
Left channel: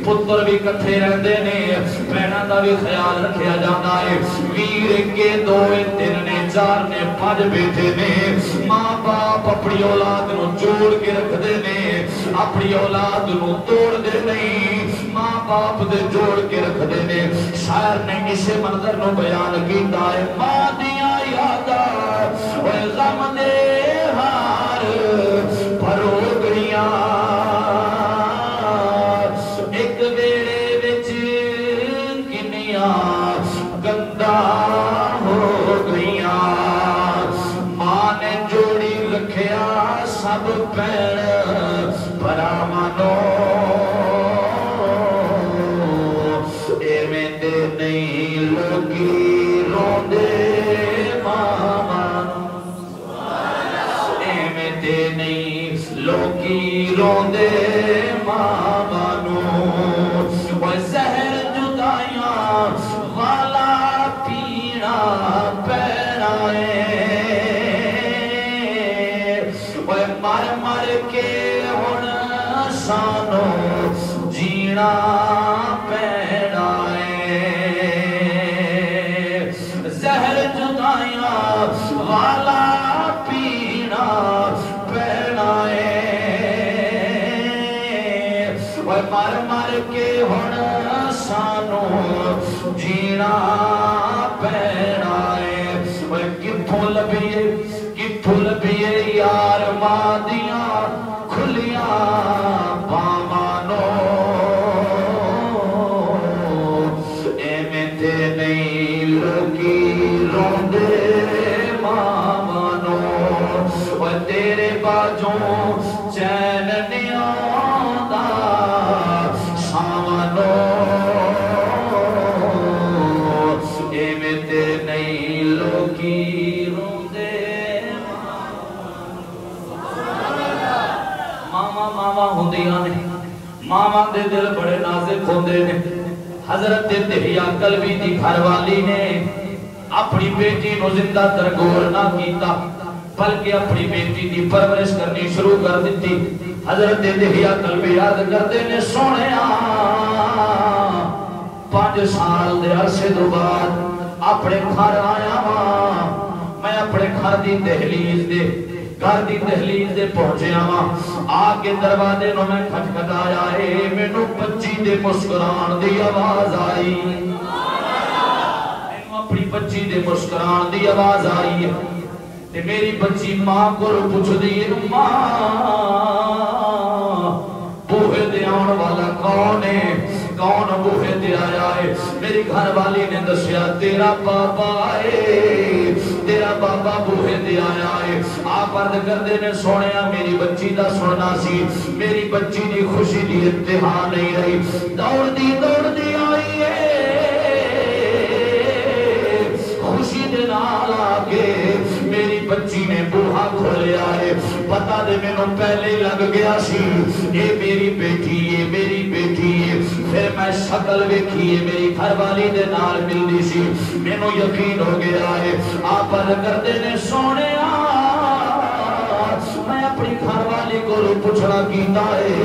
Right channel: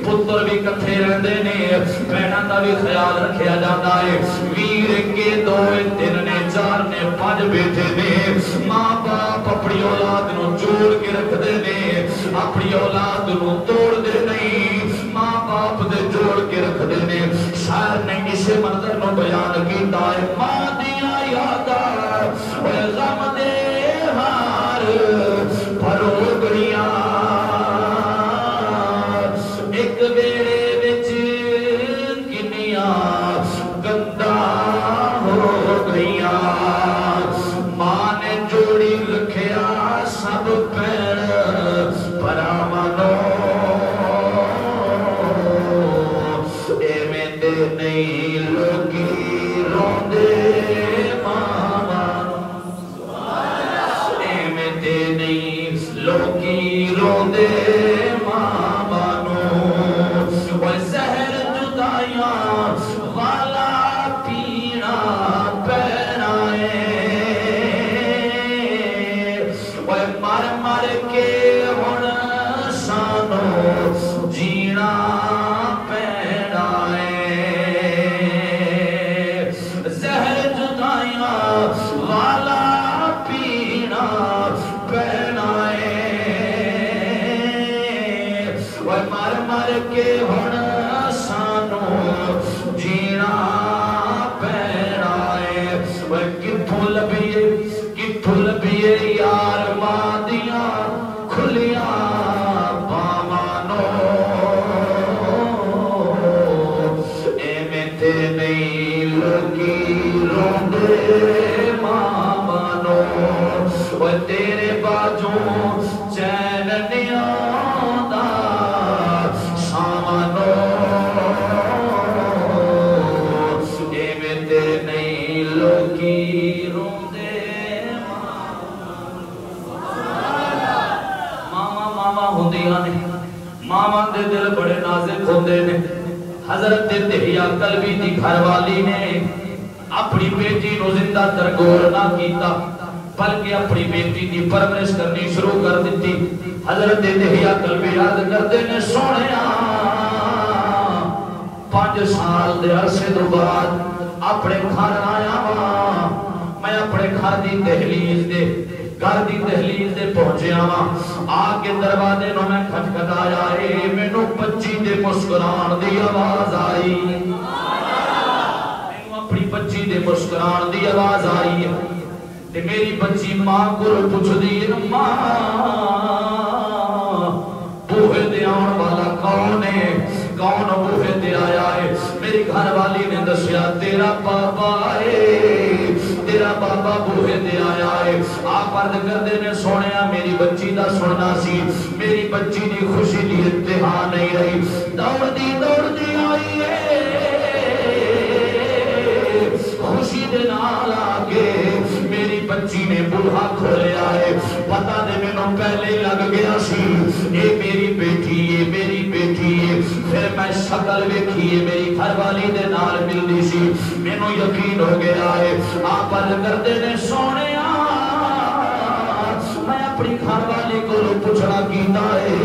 پتر بھی کٹھے رہتے نے بہنوں کا بھی خیال رکھا جاتا ہے ویر کے دو تین نے چار نے پانچ بیٹے نے ماں باپ اپنی اولاد نو جوڑ کے رکھتے نے اپنی اولاد نو توڑ دے نہیں ماں باپ دے جوڑ کے رکھتے نے شاعر نے اسے منظر نو بیان کیتا ہے ماں دیاں یاداں غم دے ہار بھرو گئیاں حضرت دہیا کلبی دی گھر والی نے اپنی بیٹی نو زندہ ترگور نہ کیتا بلکہ اپنی بیٹی دی پرورش کرنی شروع کر دیتی. حضرت دہیا کلبی یاد کرتے نے سونے 5 سال دے عرصے تو بعد اپنے گھر آیا ہاں. میں اپنے گھر دی دہلیز دے پہنچیا ہاں. آ کے دروازے نو میں کھٹکھٹایا ہے. مینوں بچی دے مسکران دی آواز آئی. اپنی بچی دے مسکران دی آواز آئی ہے. میری بچی ماں کو پوچھ دی ماں بوہے دے آن والا کون ہے؟ کون بوہے دے آیا ہے؟ میری گھر والی نے دسیا تیرا بابا ہے. تیرا بابا بوہے دے آیا ہے. آپ عرض کردے نے سونیا میری بچی دا سننا سی. میری بچی دی خوشی دی انتہا نہیں رہی. دوڑ دی آئی ہے. خوشی دے نال آگے میری بچی نے بوہا کھولیا ہے. پتہ دے میں نو پہلے لگ گیا سی اے میری بیٹی ہے. پھر میں شکل ویکھی ہے میری گھر والی دے نال ملدی سی. میں نو یقین ہو گیا ہے. آپ کردے نے سونے میں اپنی گھر والی کو پوچھنا کیتا ہے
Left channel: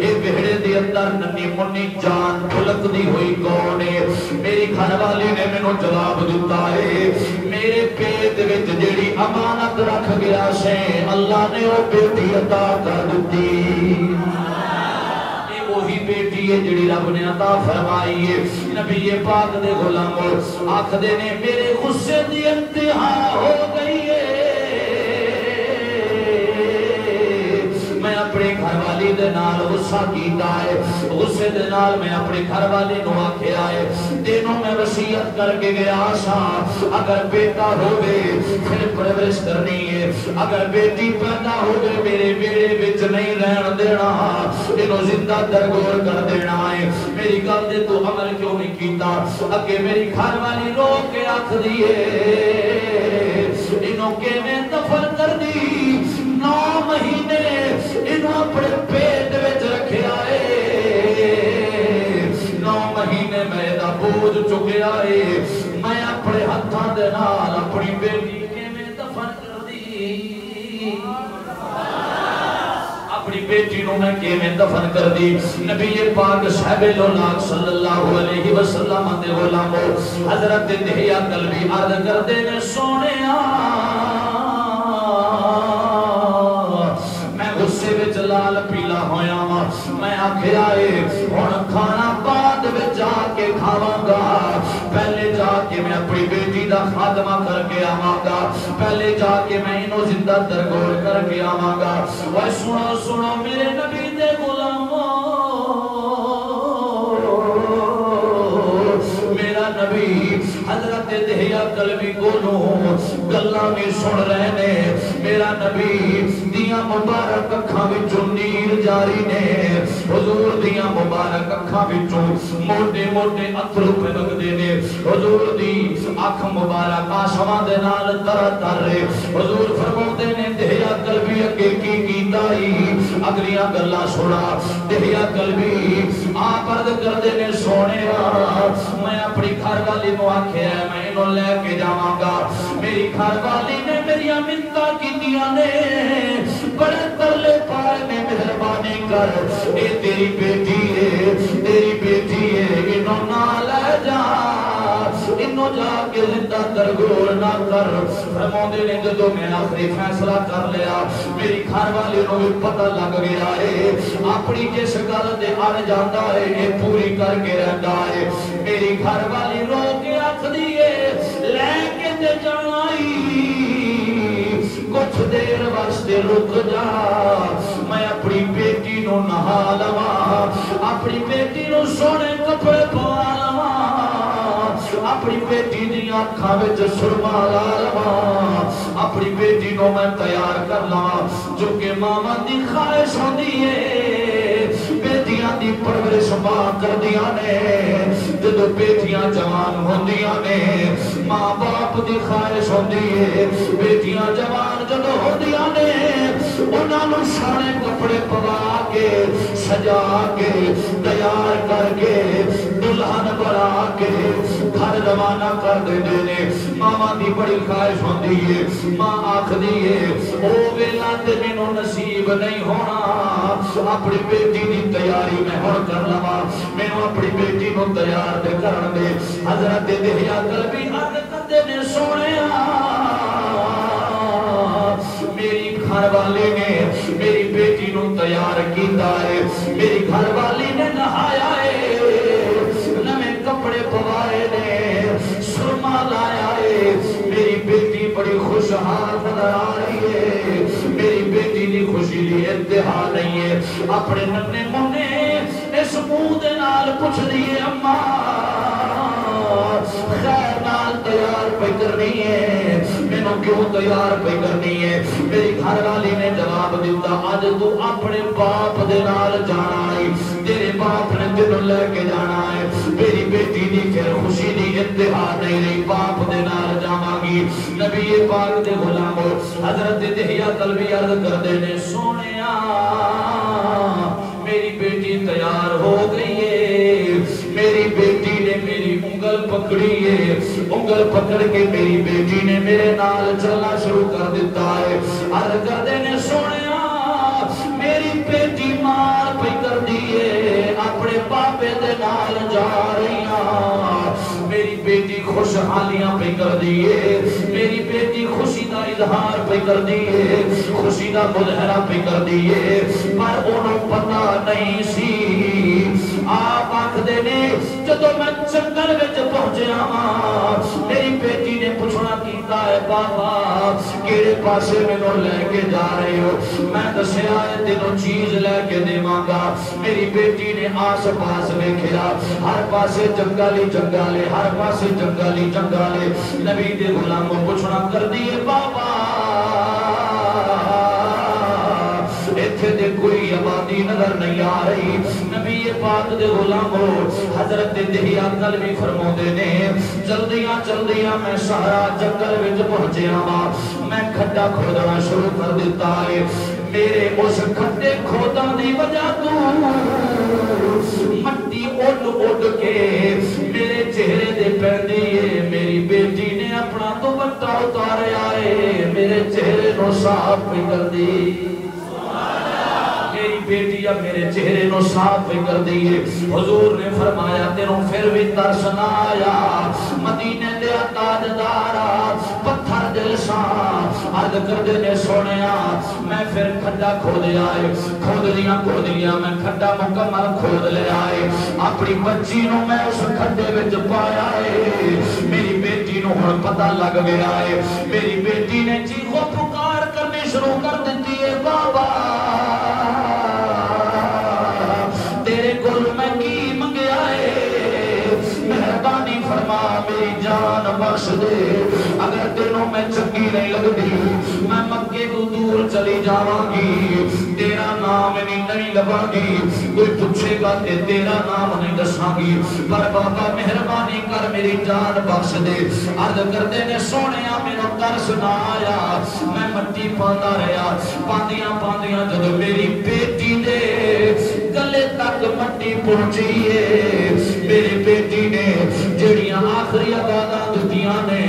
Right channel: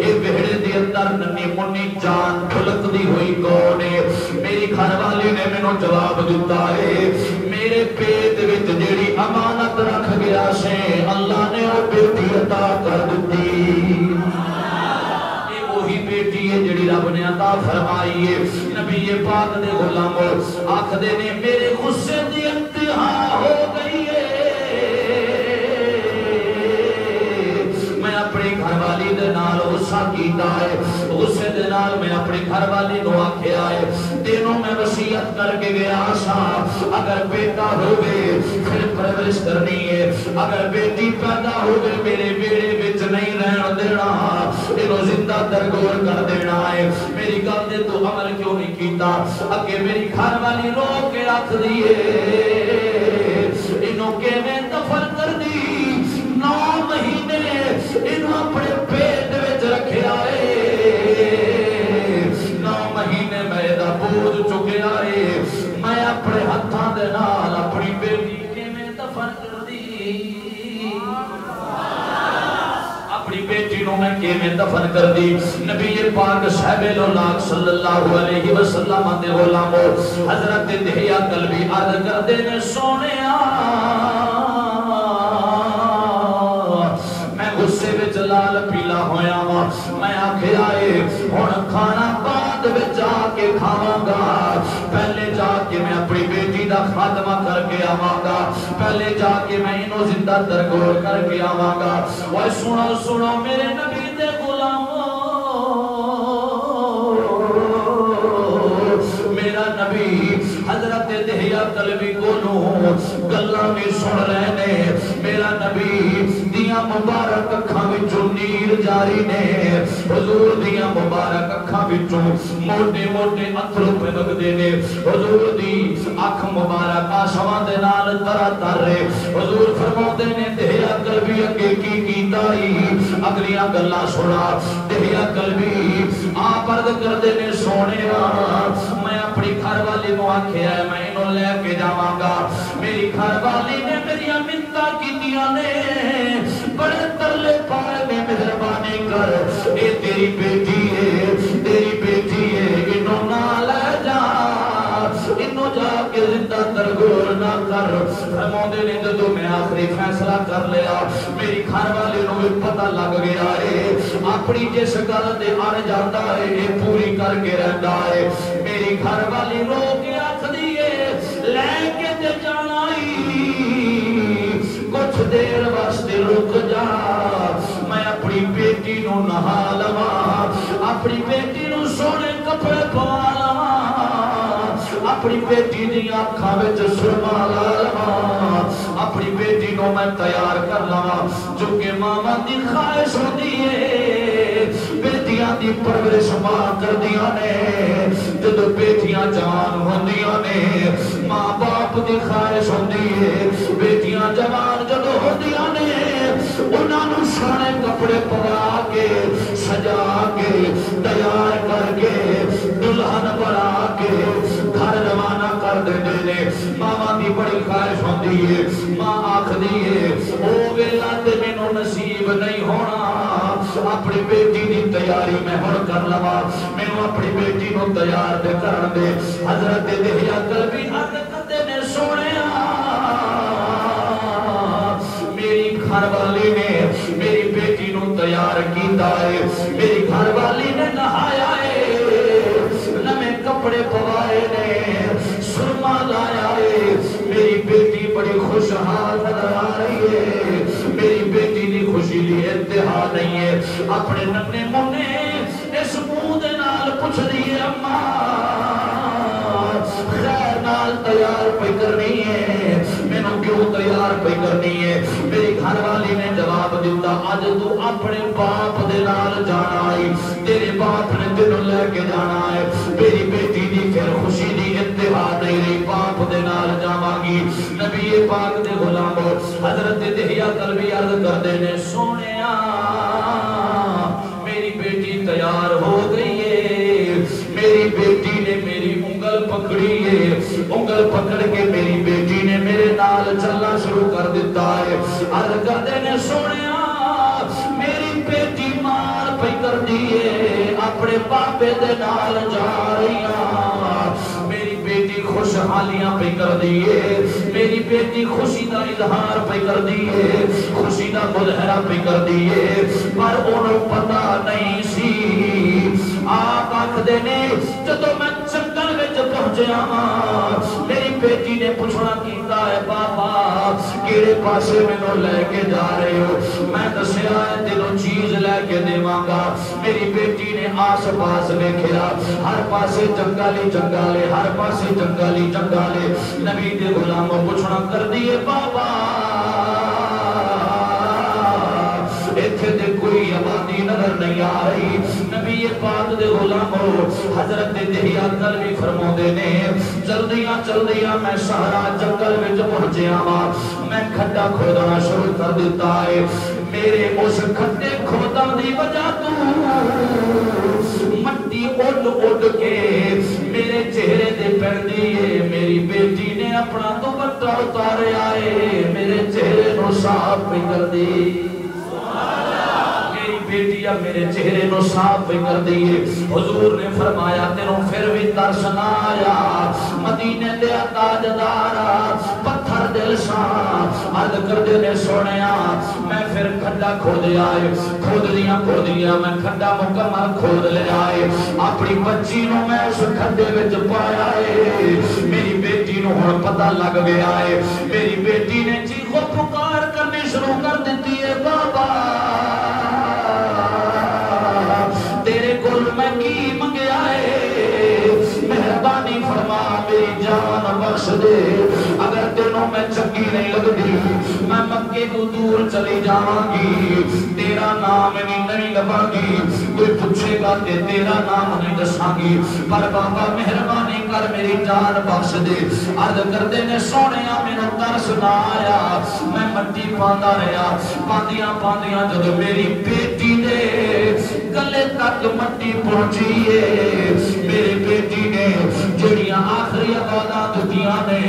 اے بہڑے دے اندر ننی منی جان پھلک دی ہوئی کون ہے؟ میری گھر والی نے میں نو جواب دیتا ہے میرے پیٹ وچ جیڑی امانت رکھ گیا سے اللہ نے وہ بیٹی عطا کر دیتی. یہ وہی بیٹی ہے جیڑی رب نے عطا فرمائی ہے. نبی پاک دے غلام آکھدے نے میرے غصے دی انتہا ہو گئی ہے. میں اپنے گھر والی دے نال غصہ کیتا ہے. غصے دے نال میں اپنے گھر والی نو آکھیا ہے دینوں میں وصیت کر کے گیا سا اگر بیٹا ہوگے پھر پرورش کرنی ہے. اگر بیٹی پیدا ہوگے میرے بیڑے وچ نہیں رہن دینا. انہوں زندہ درگور کر دینا ہے. میری گل دے تو عمل کیوں نہیں کیتا؟ اگے میری گھر والی رو کے رکھ دیے انہوں کے میں دفن کر دی. 9 مہینے انہوں اپنے پیٹ وچ رکھیا ہے. 9 مہینے میرا بوجھ چکیا ہے. میں اپنے ہتھاں دے نال اپنی بیٹی کے میں دفن کر دی. اپنی بیٹی نو میں کے میں دفن کر دی. نبی پاک صاحب الاولاق صلی اللہ علیہ وسلم دے غلام حضرت دہیا کلبی عرض کردے نے سونے میں غصے وچ لال پیلا ہویا ہاں. میں آکھیا اے ہن کھانا بعد وچ جا کے کھاواں گا. پہلے جا کے میں اپنی بیٹی دا خاتمہ کر کے آواں گا. پہلے جا کے میں انہوں زندہ درگور کر کے آواں گا. اوے سنو میرے نبی دے غلاموں میرا نبی حضرت دہیا کلبی کو گلاں میں سن رہے نے. میرا نبی دیاں مبارک اکھاں وچوں نیر جاری نے. حضور دیاں مبارک اکھاں وچوں موٹے موٹے اتھرو پھلکدے نے. حضور دی اکھ مبارک آنسواں دے نال تر تر رہے. حضور فرماتے نے دہیا کلبی اگے کی کیتا ہی اگلیاں گلاں سنا. دہیا کلبی آپ عرض کردے نے سونے میں اپنی گھر والی نو آکھیا ہے میں انہوں لے کے جاواں گا. میری گھر والی نے میری منتاں کیتیاں نے بڑے ترلے پائے نے مہربانی کر اے تیری بیٹی ہے انہوں نہ لے جا. انہوں جا کے زندہ درگور نہ کر. فرماتے نے جو میں آخری فیصلہ کر لیا. میری گھر والی نو بھی پتہ لگ گیا ہے اپنی جس گل دے آن جاتا ہے یہ پوری کر کے رہتا ہے. میری گھر والی نو کے رکھ دیے لے کے تے جانائی کچھ دیر واسطے رک جا. میں اپنی بیٹی نو نہا لواں. اپنی بیٹی نو سونے کپڑے پوا لواں. اپنی بیٹی دی آنکھاں وچ سرما لا لواں. اپنی بیٹی نو میں تیار کر لاں جو کہ ماما دی خواہش ہوندی ہے. بیٹیاں دی پرورش ماں کردیاں نے. جدو بیٹیاں جوان ہوندیاں نے ماں باپ دی خواہش ہوندی ہے. بیٹیاں جوان جدو ہوندیاں نے انہاں نو سونے کپڑے پوا کے سجا کے تیار کر کے دلہن بنا کے گھر روانہ کر دیندے نے ماما دی بڑی خواہش ہوندی ہے ماں آکھدی ہے او ویلا تے مینوں نصیب نہیں ہونا اپنی بیٹی دی تیاری میں ہن کر لواں مینوں اپنی بیٹی نوں تیار تے کرن دے حضرت دہیا قلبی عرض کردے نے سونیا میری گھر والی نے میری بیٹی نوں تیار کیتا ہے میری گھر والی نے نہایا ہے نویں کپڑے پوائے نے سرما لایا ہے میری بیٹی بڑی خوشحال نظر آ رہی ہے میری بیٹی دی خوشی دی انتہا نہیں ہے اپنے ننے منے اس منہ دے نال پوچھ دی ہے اماں خیر نال تیار پہ کرنی ہے مینوں کیوں تیار پہ کرنی ہے میری گھر والی نے جواب دیتا اج تو اپنے باپ دے نال جانا ہے تیرے باپ نے تینوں لے کے جانا ہے میری بیٹی دی پھر خوشی دی انتہا نہیں رہی باپ دے نال جاواں گی نبی پاک دے غلام حضرت دہیا قلبی عرض کردے نے سونیا میری بیٹی تیار ہو گئی ہے میری بیٹی نے میری انگل پکڑی ہے انگل پکڑ کے میری بیٹی نے میرے نال چلنا شروع کر دیتا ہے عرض کردے نے سونیا میری بیٹی مار پہ کر دیے اپنے پاپے دے نال جا رہی میری بیٹی خوشحالیاں پہ کر دیے میری بیٹی خوشی دا اظہار پہ کر دیے خوشی دا مظاہرہ پہ کر دیے پر انہوں پتہ نہیں سی آپ آکھدے نے جدو میں جنگل وچ پہنچیا میری بیٹی نے پوچھنا کیتا ہے بابا کیڑے پاسے مینوں لے کے جا رہے ہو میں دسیا ہے تینوں چیز لے کے دیواں گا میری بیٹی نے آس پاس ویکھیا ہر پاسے جنگل ہی جنگل ہے ہر پاسے جنگل ہی جنگل ہے نبی دے غلام کو پوچھنا کر دیے بابا ایتھے دے کوئی آبادی نظر نہیں آ رہی نبی پاک دے غلامو حضرت دہیا قلبی فرماؤندے نے جلدیاں جلدیاں میں سارا جنگل وچ پہنچیا ہاں میں کھڈا کھودنا شروع کر دیتا ہے میرے اس کھڈے کھودن دی وجہ تو مٹی اڑ اڑ کے میرے چہرے دے پیندی ہے میری بیٹی نے اپنا دوپٹہ اتاریا ہے میرے چہرے نو صاف کر دی بیٹیا میرے چہرے نو صاف کر دیئے حضور نے فرمایا تینوں پھر بھی ترس نہ آیا مدینے دے تاجدارا پتھر دل سان عرض کر دے نے سونیا میں پھر کھڈا کھود لیا میں کھڈا مکمل کھود لیا ہے اپنی بچی نو میں اس کھڈے وچ پایا ہے میری بیٹی نو ہن پتہ لگ گیا ہے میری بیٹی نے چیخو پکار کرنی شروع کر دیتی ہے بابا تیرے گل میں کی منگیا ہے مہربانی فرما میری جان بخش دے اگر تینوں میں چنگی نہیں لگتی میں مکے کو دور چلی جاواں گی تیرا نام نہیں لباں گی کوئی پوچھے گا کہ تیرا نام نہیں دساں گی پر بابا مہربانی کر میری جان بخش دے عرض کردے نے سونیا میرا ترس نہ آیا میں مٹی پاندا رہا پاندیاں جب میری بیٹی نے گلے تک مٹی پہنچی ہے میری بیٹی نے جڑیاں آخری آوازاں دتیاں نے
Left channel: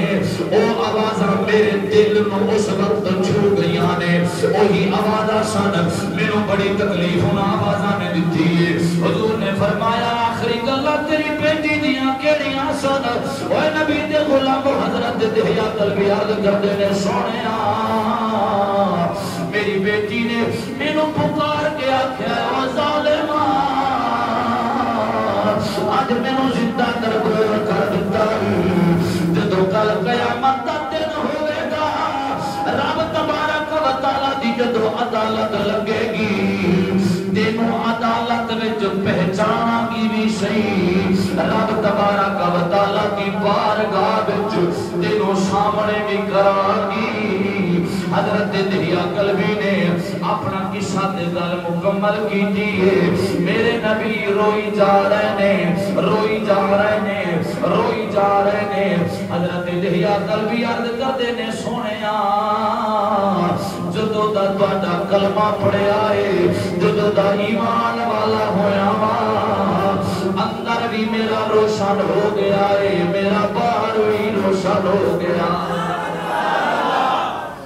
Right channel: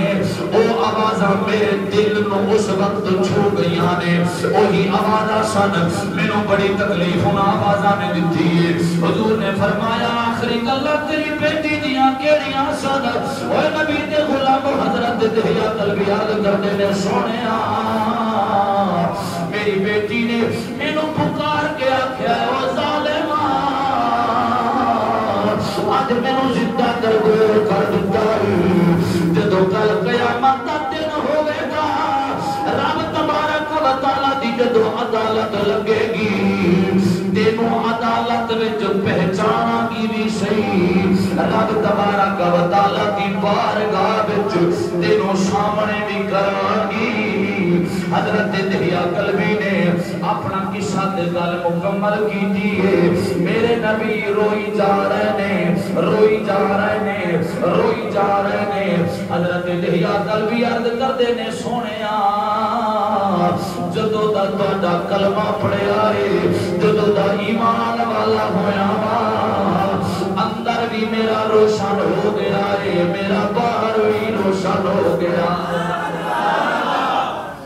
او آوازاں میرے دل نو اس وقت چھو گئیاں نے وہی آوازاں سن مینوں بڑی تکلیف ہونا آوازاں نے دتی ہے حضور نے فرمایا آخری گلاں تیری بیٹی دیاں کیڑیاں سن اوے نبی دے غلام حضرت دہیا قلبی یاد کردے نے سونیا میری بیٹی نے مینوں پکار کے آکھیا او ظالما آج مینوں زندہ کر دیتا جدو کل قیامت دا دن ہوئے گا رب تبارک و تعالی دی جدو عدالت لگے گی تینوں عدالت وچ پہچانا گی بھی صحیح رب تبارک و تعالی دی بارگاہ وچ تینوں سامنے بھی کران گی حضرت دہیا قلبی نے اپنا قصہ تے گل مکمل کیتی ہے میرے نبی روئی جا رہے نے حضرت دہیا قلبی عرض کردے نے سونیا جدو دا تہاڈا کلمہ پڑھیا ہے جدو دا ایمان والا ہویا اندر بھی میرا میرا روشن ہو گیا ہے، میرا باہر بھی روشن ہو گیا،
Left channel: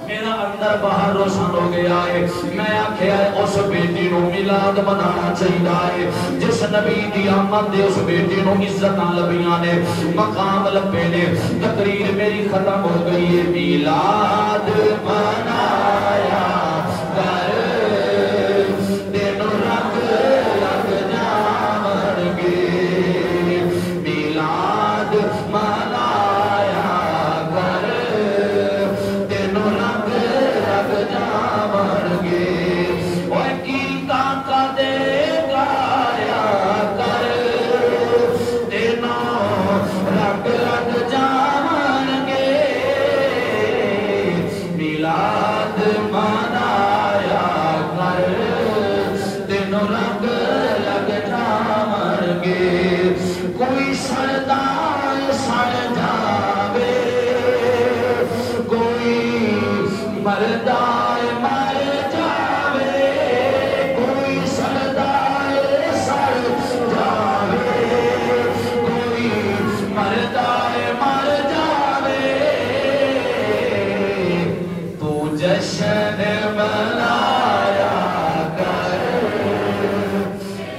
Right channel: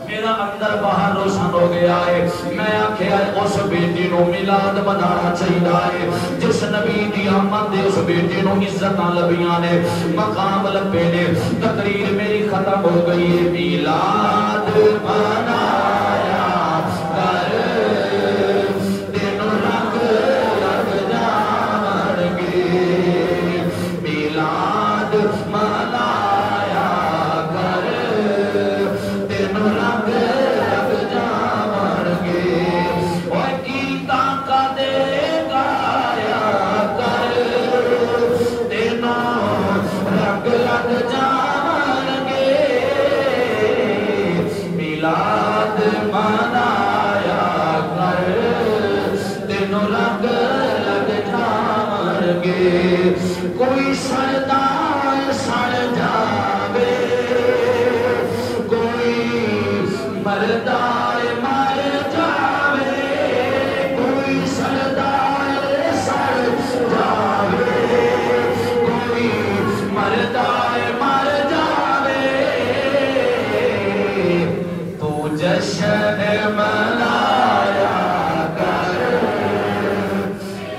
میرا اندر باہر روشن ہو گیا ہے۔ میں آکھیا اس بیٹی نو میلاد منانا چاہیے، جس نبی دی آمد دے اس بیٹی نو عزت لبیاں نے، مقام لبے نے، تقریر میری ختم ہو گئی ہے۔ میلاد منایا کر دن رنگ لگ جاون گے، میلاد منایا کر دن رنگ لگ جاون گے، اوہ گیتا کا دے گایا کر دنوں رنگ لگ جاون گے، میلاد منایا کر دنوں رنگ لگ جاون گے، کوئی سردار سڑ جاوے، کوئی مردار مر جاوے، کوئی سردار سڑ جاوے، کوئی مردار مر جاوے، تو جشن منایا کر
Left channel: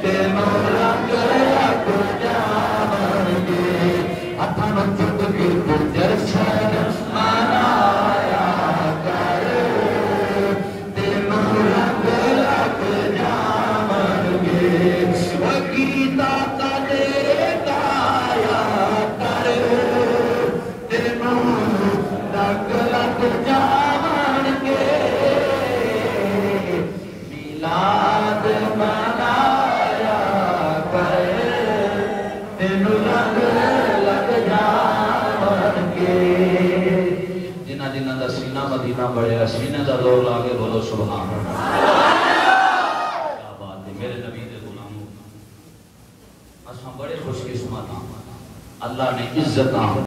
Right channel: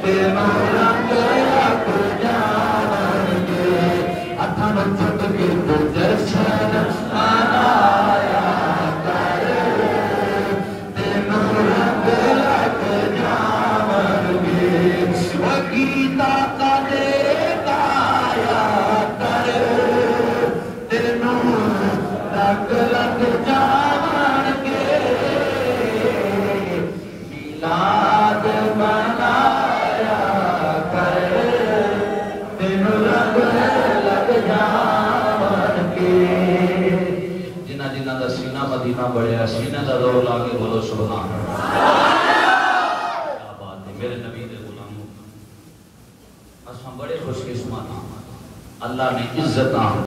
دنوں رنگ لگ جاون گے، ہتھاں نوں چک کے تو جشن منایا کر دنوں رنگ لگ جاون گے، وہ گیتا کا دے گایا کر دنوں رنگ لگ جاون گے، میلاد منایا کر دنوں رنگ لگ جاون گے۔ جنہ جنہ دا سینہ مدینہ بڑھیا، سینہ دا دور لاگے بولو سبحان اللہ۔ کیا بات ہے میرے نبی دے غلاموں، اساں بڑے خوش قسمت ہاں، اللہ نے عزت